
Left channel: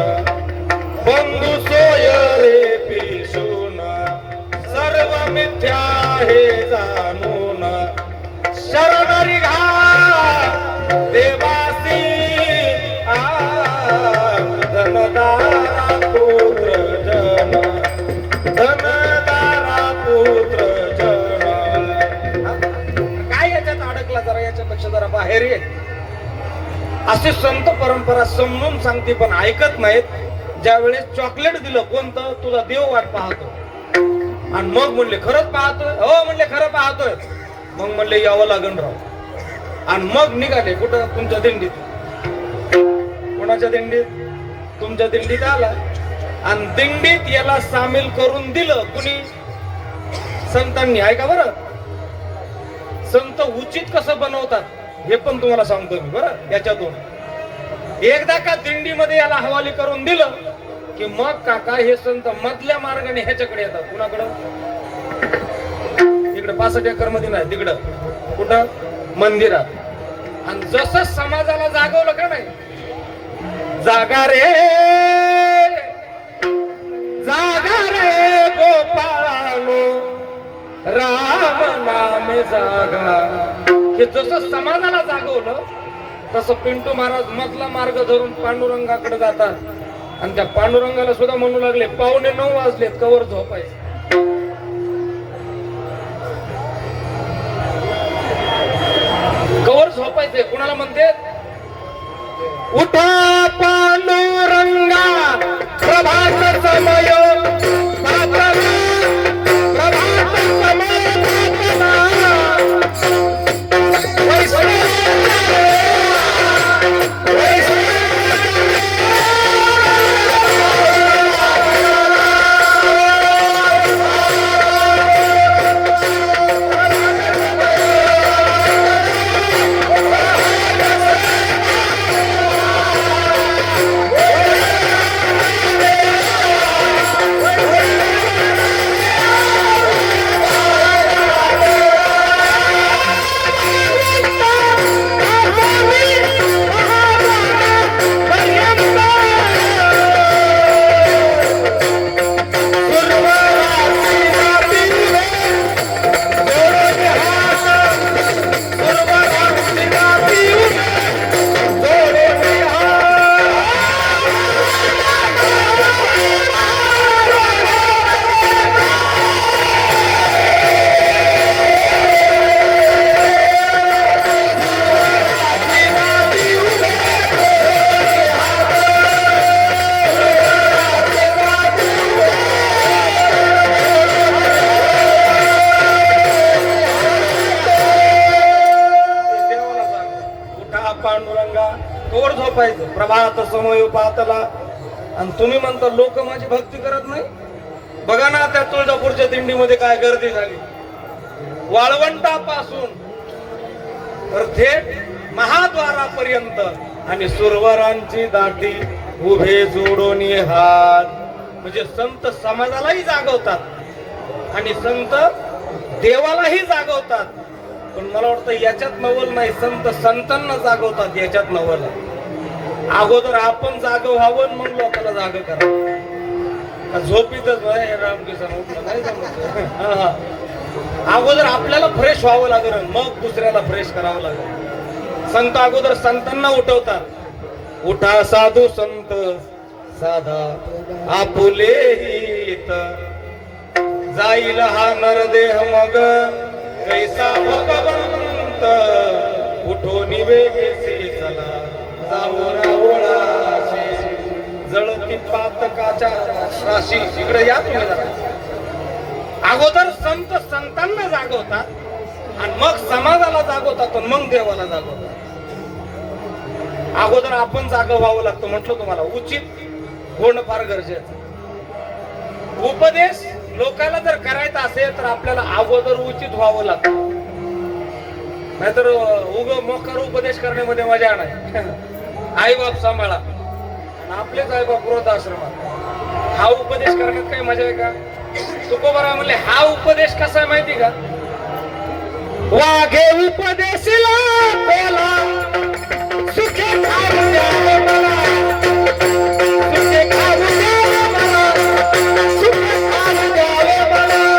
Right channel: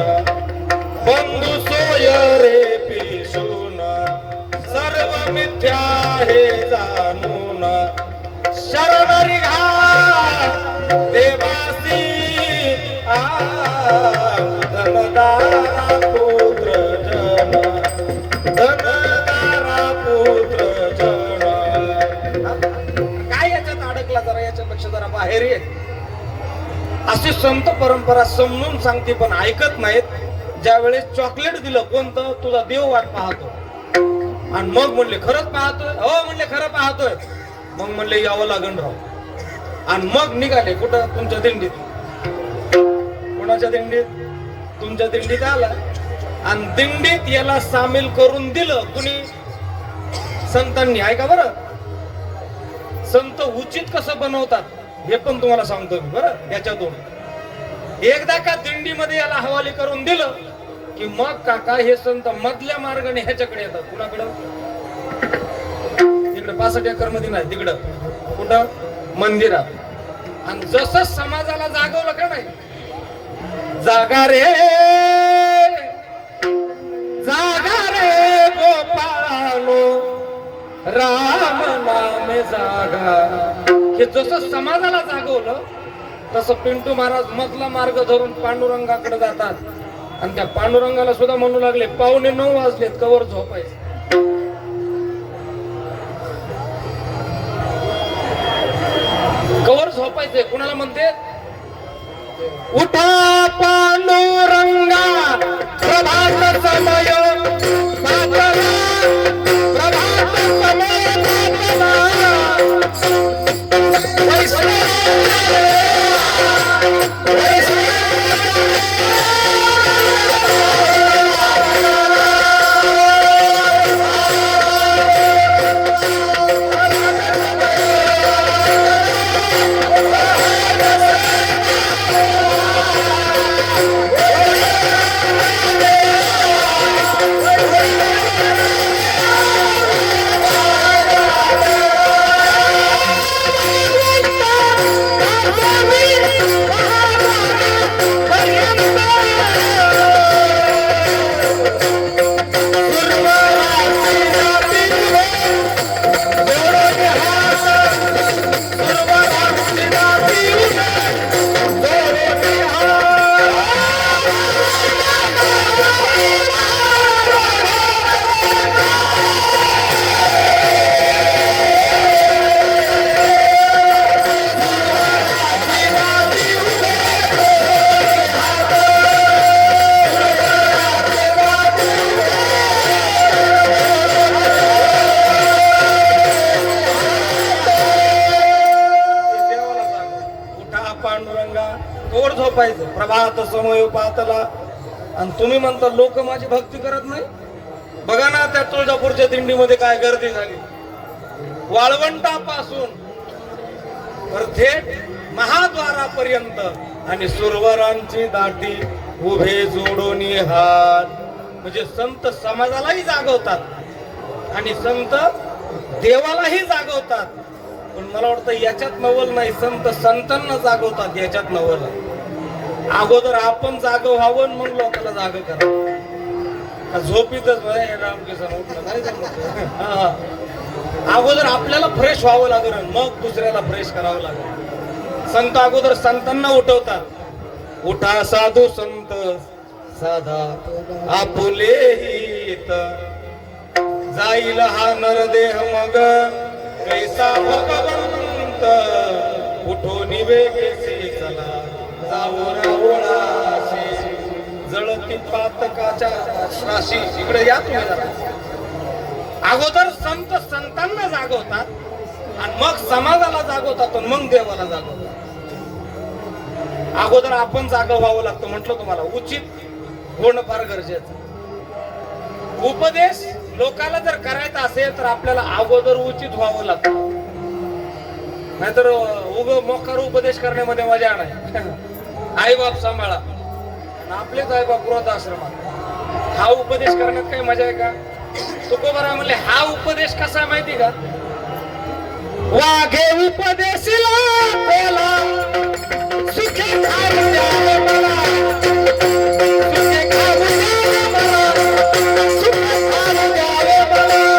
बंधू सोय रे पिसून, सर्व मिथ्या हे जाणून, शरण घा देवासी. धनदारा पुत्र जन, धनदारा पुत्र जन. काय याच्यात अडकला? जरा याच्यापेक्षा जरा बाहेर ये. असे संत परंपरा समजून सांगते पण ऐकत नाहीत. ज्या वेळेस चॉकलेट दिलं कोणतं? तुझा देव वाट पाहतो. आणि मग म्हणले खरंच पाहतो? हो म्हणले खरं पाहतोय. मग म्हणले यावं लागेल राव. आणि मग निघाले कुठं? तुमच्या दिंडीत. कोणाच्या दिंडीत? तुमच्या दिंडीत आला आणि दिंडीत याला सामील करून दिलं. कुणी? संतांनी. ऐका बरं, संत उचित कसं बनवतात हे पण तुम्हाला सांगतो मी बरं. याच्यातून एकदा का दिंडीमध्ये याला हवाली करून दिलं की मग काका हे संत मधल्या मार्गाने ह्याच्याकडे येतात. कुणाकडं? इकडे 65 एकर मध्ये नाही, तिकडं कुठं? मंदिरात. आणि जसं समाजाला जागवलं का नाही, जागा रे जागा रे गोपाळानो, राम नाम जागा. हे जसं समाजाला जागवलं तसं पिंटू महाराज मधला मार्ग धरून पांडुरंगाकडे जातात आणि त्या पांडुरंगाला सुद्धा म्हणू लागले 9:15 वाजले कवर झोपायचे. कवर झोपायचे. कुणाला म्हणते उठा पांडुरंगा प्रभात समय प्रभात समय पातला. आणि तुम्ही म्हणता लोक माझी भक्ती करत नाही. बघा ना त्या तुळजापूरच्या दिंडीमध्ये काय गर्दी झाली. वाळवंटापासून तर थेट महाद्वारापर्यंत आणि सुरवरांची दाटी उभे जोडून हात. म्हणजे संत समाजालाही जागवतात आणि संत देवालाही जागवतात. पण मला वाटतं याच्यात नवल नाही. संत संतांना जागवतात याच्यात नवल. अगोदर आपण जाग व्हावं मग लोकांना जाग करा. झोपीतच रामकिशन नाही जमत. अगोदर आपल्याला फ्रेश व्हावं लागेल मग दुसऱ्याला फ्रेश करावं लागेल. संत अगोदर संतांना उठवतात. उठा साधू संत साधा आपुले हित जाईल हा नरदेह मग कैसा भगवंत उठून वेगेसी चला जळती पातकाच्या श्वासी. इकडे या तुम्ही. अगोदर संत संतांना जागवतात आणि मग समाजाला जागवतात आणि मग देवाला जागवतात. अगोदर आपण जाग व्हावं लागतं. म्हटलं तुम्हाला उचित होणं फार गरजेचं. उपदेश लोकांना जर करायचा असेल तर आपल्याला अगोदर उचित व्हावं लागतं. नाहीतर उग मोकार उपदेश करण्यामध्ये मजा नाही. आई बाप सांभाळा. आपलेच आई बाप गृहस्थ आश्रमात हा उपदेश करण्यात काही मजा आहे का? तुकोबाराय म्हणले हा उपदेश कसा माहिती का? वाघे उपदेशला बोला सुखे खाऊ द्यावे मला. सुखे खाऊ द्यावे मला. सुखे खाऊ द्यावे मला.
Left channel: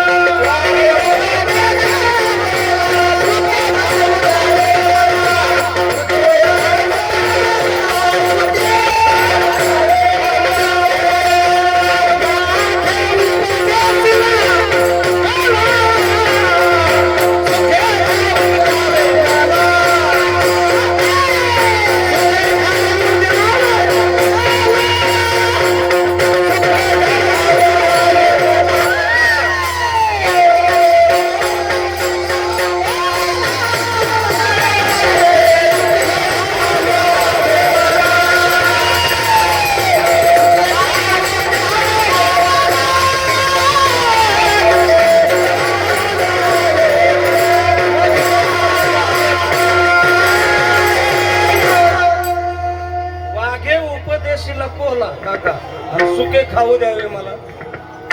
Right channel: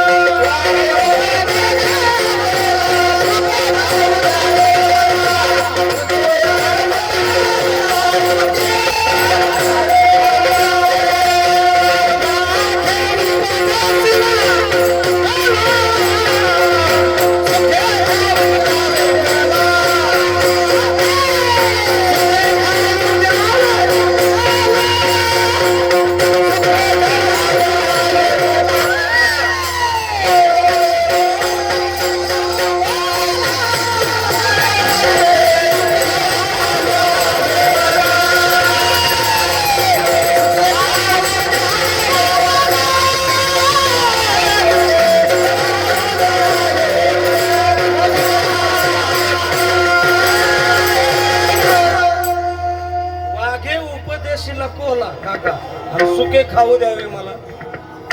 सुखे खाऊ द्यावे मला.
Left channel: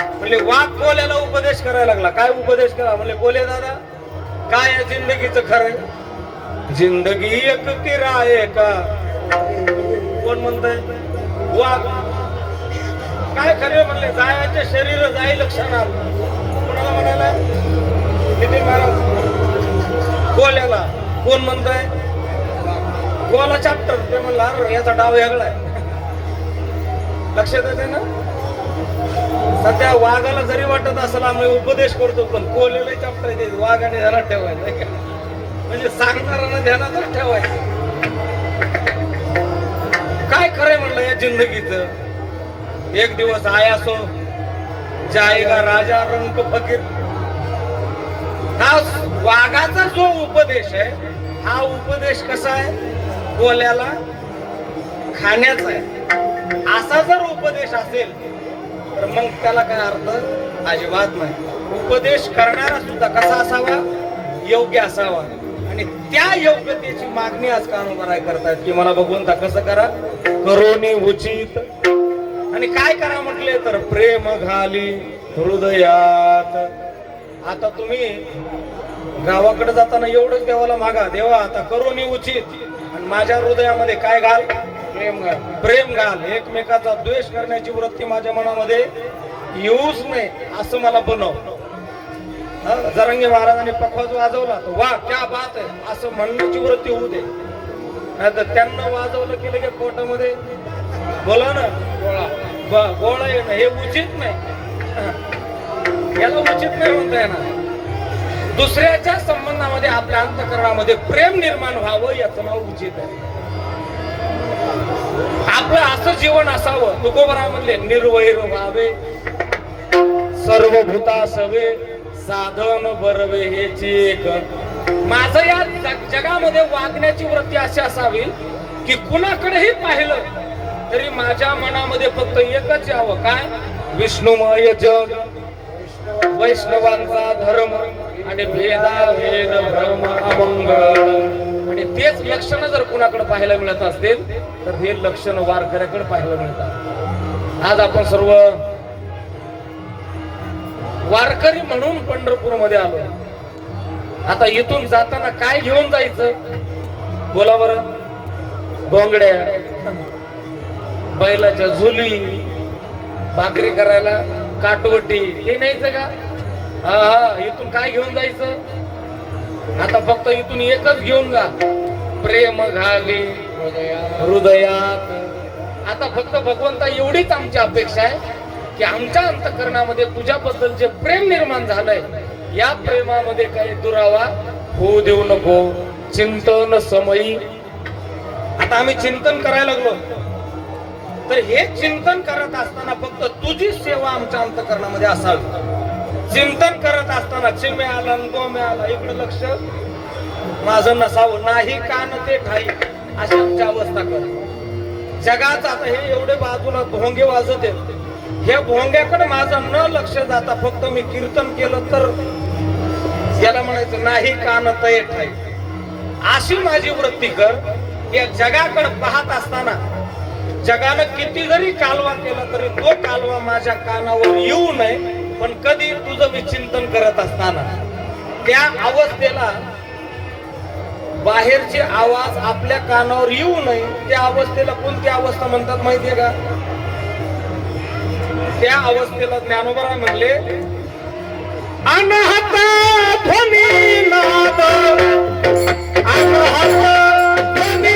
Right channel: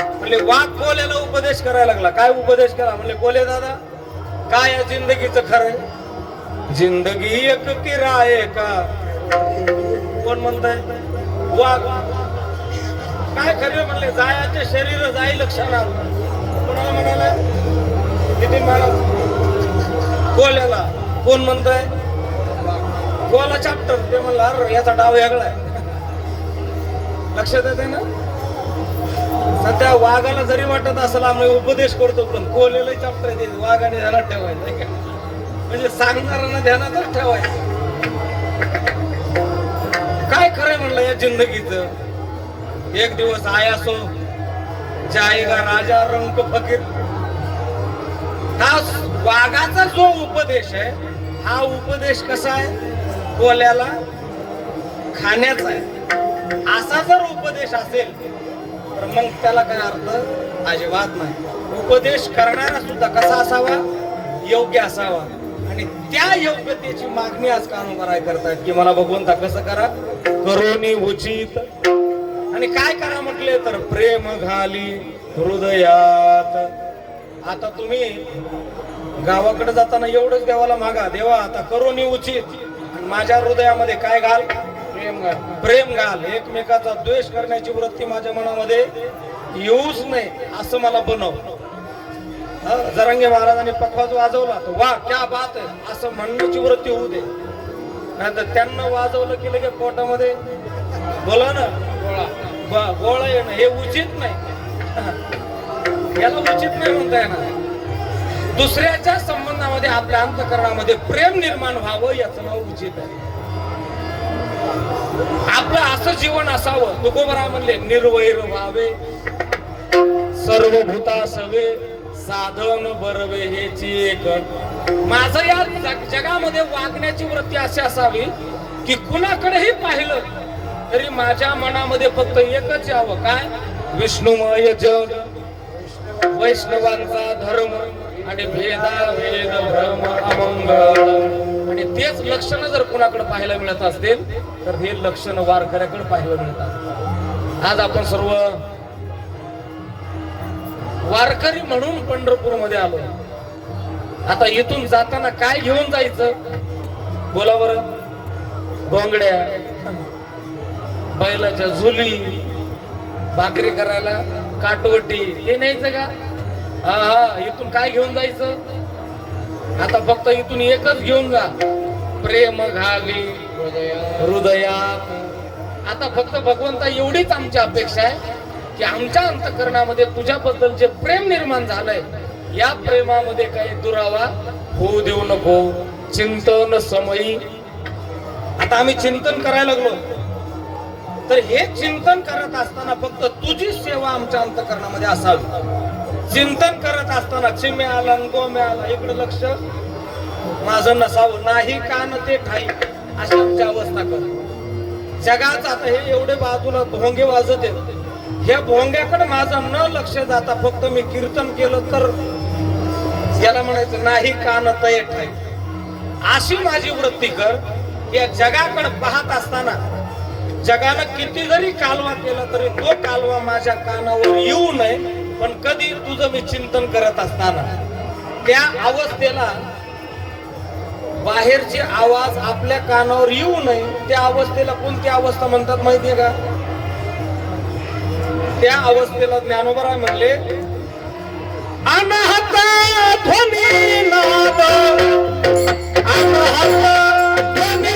म्हणजे वाघ कोल्याला उपदेश करायला लागला. काय उपदेश करा म्हणजे कोले दादा काय आहे जिंदगीचं खरं? जिंदगी एक किराये का. कोण म्हणताय? वाघ काय खरे म्हणले जायचे शरीर जाई लक्षात. कोणाला म्हणाला किती महाराज गोल्याला कोण म्हणतंय गोला चॅप्टर ते म्हणलं अरे याचा डाव वेगळा आहे. लक्षात येते ना. सध्या वाघाला जरी वाटत असेल आम्ही उपदेश करतो पण कोलेला चॅप्टर आहे वाघाने ध्यानात ठेवायचं म्हणजे सांगणाऱ्यांना ध्यानातच ठेवायचं. काय खरंय म्हणलं या जिंदगीचं. एक दिवस आया सो जाएगा राजा रंग फकीर. हा वाघाचा जो उपदेश आहे हा उपदेश कसा आहे कोल्याला खाण्याचा आहे. असा जर उपदेश असेल तर मग त्याला काय अर्थ अजिबात नाही. उपदेश करणारा सुद्धा कसा असावा योग्य असावा आणि त्या योग्यतेची मागणी आज कानोबाराय करतात की मला भगवंता कसं करा करोनी उचित आणि काय करा म्हटले तर प्रेम घाली हृदयात. आता तुम्ही गावाकडे जाताना एवढंच देवाला मागा देवा आता करोनी उचित माझ्या हृदयामध्ये काय घाल प्रेम घाल. एकमेकाचा द्वेष करण्याची वृत्ती माझ्या मनामध्ये येऊच नाही असं मला बनव. जरांगे महाराजांनी पखवाज वाजवला तर वा क्या बात आहे असं म्हणण्याची वृत्ती होऊ दे. नाहीतर त्यांना वाजवलं केलं की पोटामध्ये बोला ना गोळा येणं हे उचित नाही. याला उचित नाही म्हणताय ना. दुसऱ्याच्या संबंधामध्ये आपल्या अंतःकरणामध्ये प्रेम निर्माण व्हावं याचं नाव उचित आहे. आपलं असं जीवन असावं. तुकोबराय म्हणले निर्वैर व्हावे सर्वभूता सवे साधन बरवे हेची एक. माझं या जगामध्ये वागण्याची वृत्ती अशी असावी की कुणाकडेही पाहिलं तरी माझ्या मनामध्ये फक्त एकच यावं काय विष्णुमय जग वैष्णवांचा धर्म आणि भेदाभेद भ्रम अमंगळ. आणि तेच लक्षण जर कुणाकडे पाहायला मिळत असतील तर हे लक्षण वारकऱ्याकडे पाहायला मिळतात. आज आपण सर्व वारकरी म्हणून पंढरपूर मध्ये आलो. आता इथून जाताना काय घेऊन जायचं बोला बरं. बोंगड्या बैलाच्या झुली भाकरी करायला काटवटी हे न्यायचं का. हा इथून काय घेऊन जायचं. आता फक्त इथून एकच घेऊन जा प्रेम घावी हृदयात. आता फक्त भगवंता एवढीच आमची अपेक्षा आहे की आमच्या अंतःकरणामध्ये तुझ्याबद्दल जे प्रेम निर्माण झालंय या प्रेमामध्ये काही दुरावा होऊ देऊ नको. चिंतन समयी. आता आम्ही चिंतन करायला लागलो तर हे चिंतन करत असताना फक्त तुझी सेवा आमच्या अंतःकरणामध्ये असावी. चिंतन करत असताना चिमे आला गो मिळाला इकडे लक्ष माझं नसावं नाही कान ते ठाई अशी आमची अवस्था कर. जगात आता हे एवढे बाजूला भोंगे वाजत आहेत ह्या भोंग्याकडे माझं न लक्ष जाता फक्त मी कीर्तन केलं तर याला म्हणायचं नाही कान ते ठाई अशी माझी वृत्ती कर. या जगाकडे पाहत असताना जगानं किती जरी कालवा केला तरी तो कालवा माझ्या कानावर येऊ नये. पण कधी तुझं मी चिंतन करत असताना त्या अवस्थेला बाहेरचे आवाज आपल्या कानावर येऊ नये. त्या अवस्थेला कोणती अवस्था म्हणतात माहितीये का. त्या अवस्थेला ज्ञानोबराय म्हणले अनहत ध्वनी नाद अनहत ध्वनी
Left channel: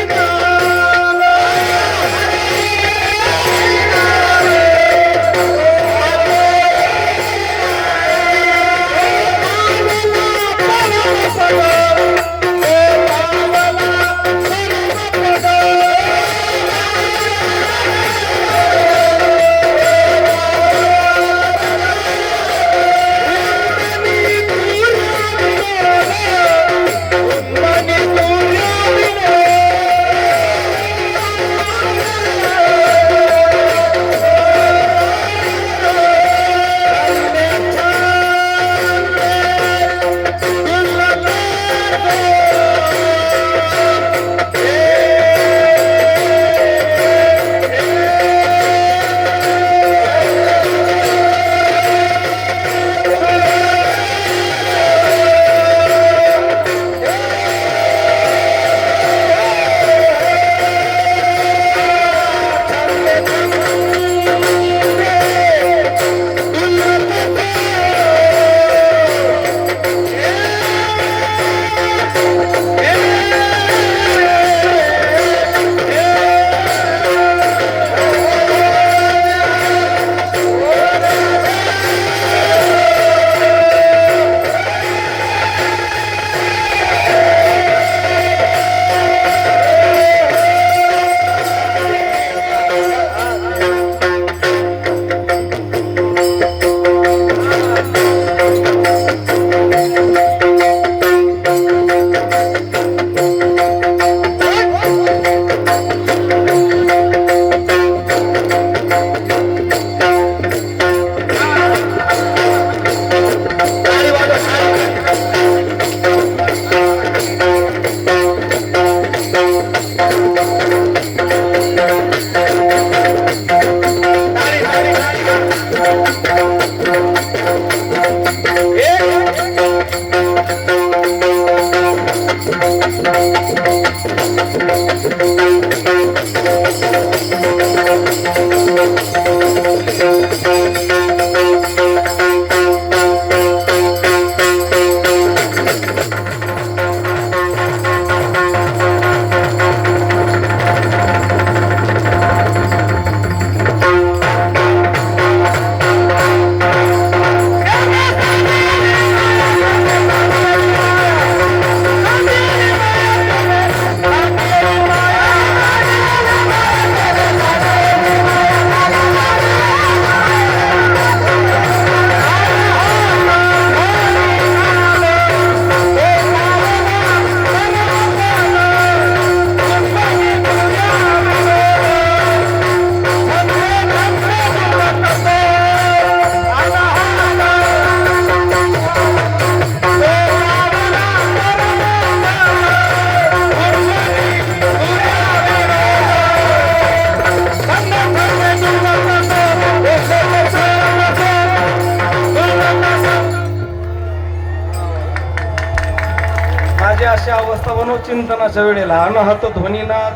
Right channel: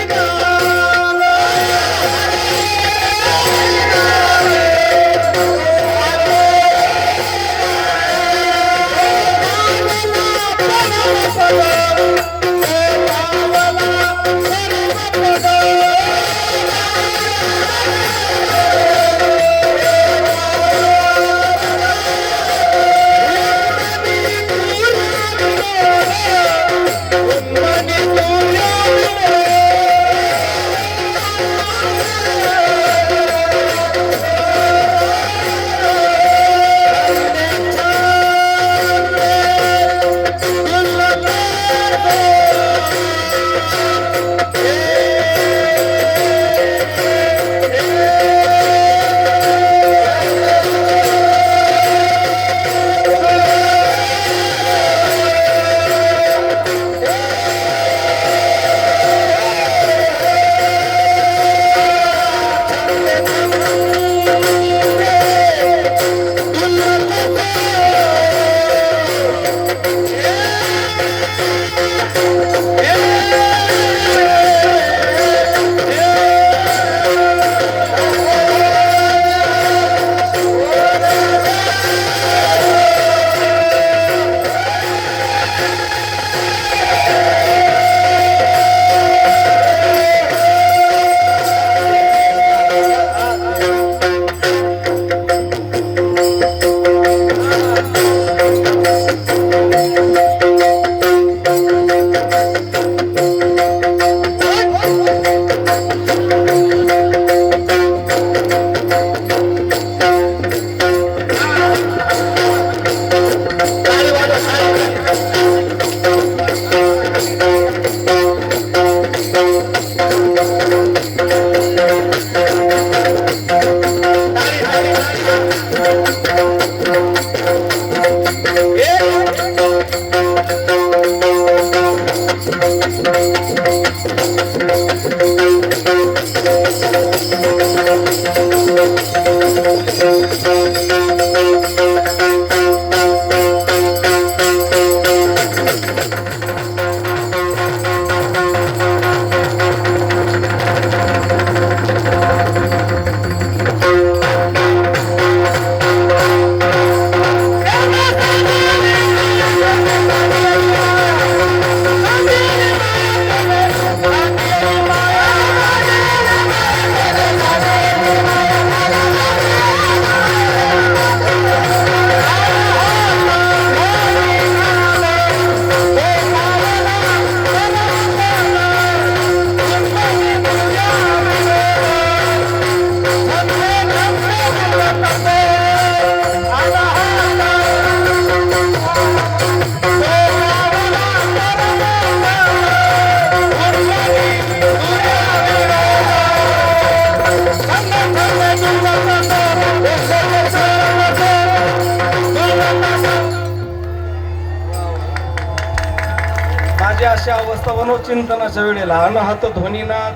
माझी अशी अवस्था मनोचिंतनाच्या वेळेला अनहत ध्वनीनाद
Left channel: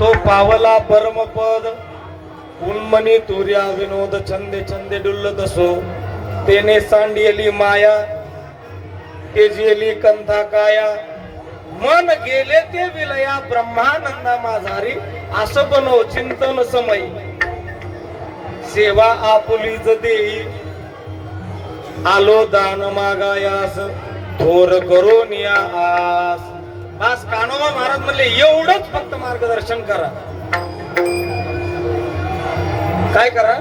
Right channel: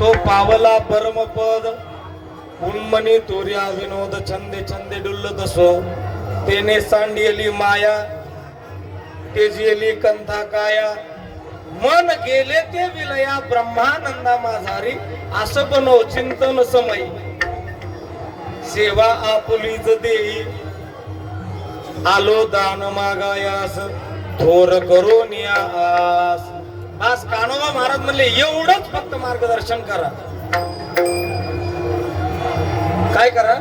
तो पावला परमपद उन्मनी तुर्या विनोद छंदे छंदे डुल्लत असो तेने सांडियली माया तेजियली कंथा काया मन गेले ते विलया ब्रह्मानंदा माझारी असं बनव चिंतन समयी सेवा आपुलीच देई आलो दान मागायास थोर करून या आस. बस कान्होबा महाराज म्हणले एवढंच फक्त मार्गदर्शन करा. काय करा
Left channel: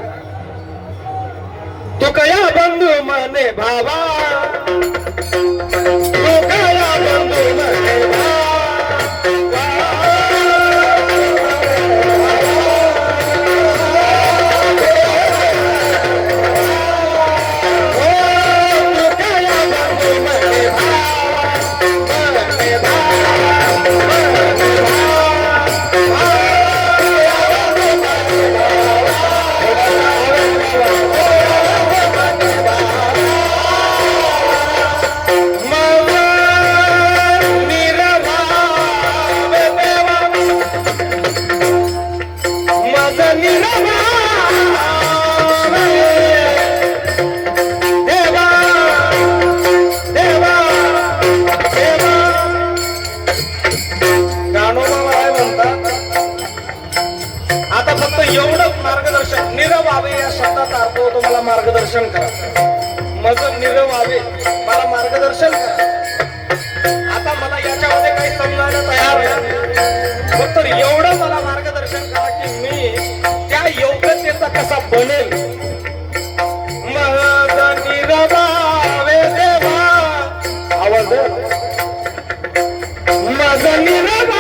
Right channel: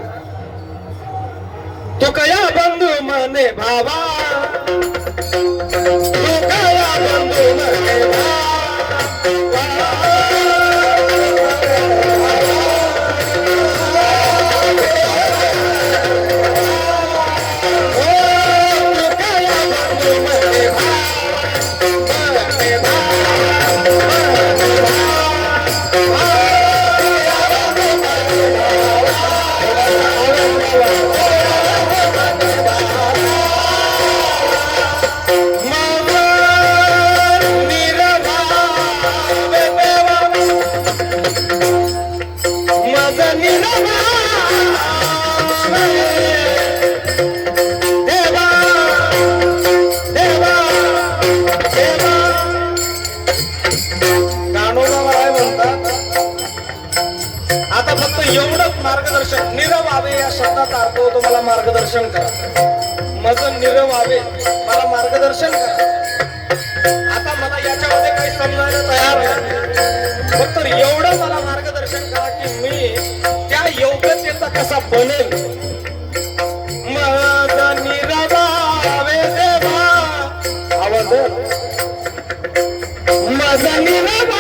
तो कया बंधू मने भावा तो कया बंधू मने मार्गदर्शन करा. माझं निरव व्हावे मला मार्गदर्शन करा. आता मला याच्यामध्ये काही समजायला तयार आहे फक्त एवढं मला मार्गदर्शन करा की मी त्या योग्यतेचा कसा बनेल. माझं निरव व्हावे देवा आवाज माझं निरव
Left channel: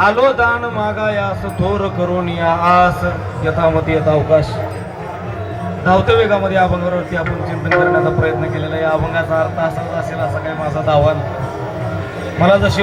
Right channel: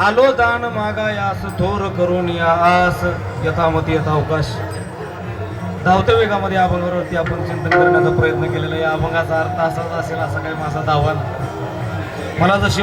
आलो दान मागायास थोर करून या आस यथामती यथा अवकाश. धावत्या वेगामध्ये अभंगावरती आपण चिंतन करण्याचा प्रयत्न केलेला. या अभंगाचा अर्थ असाच असेल असा काही माझा दावा. मला जशी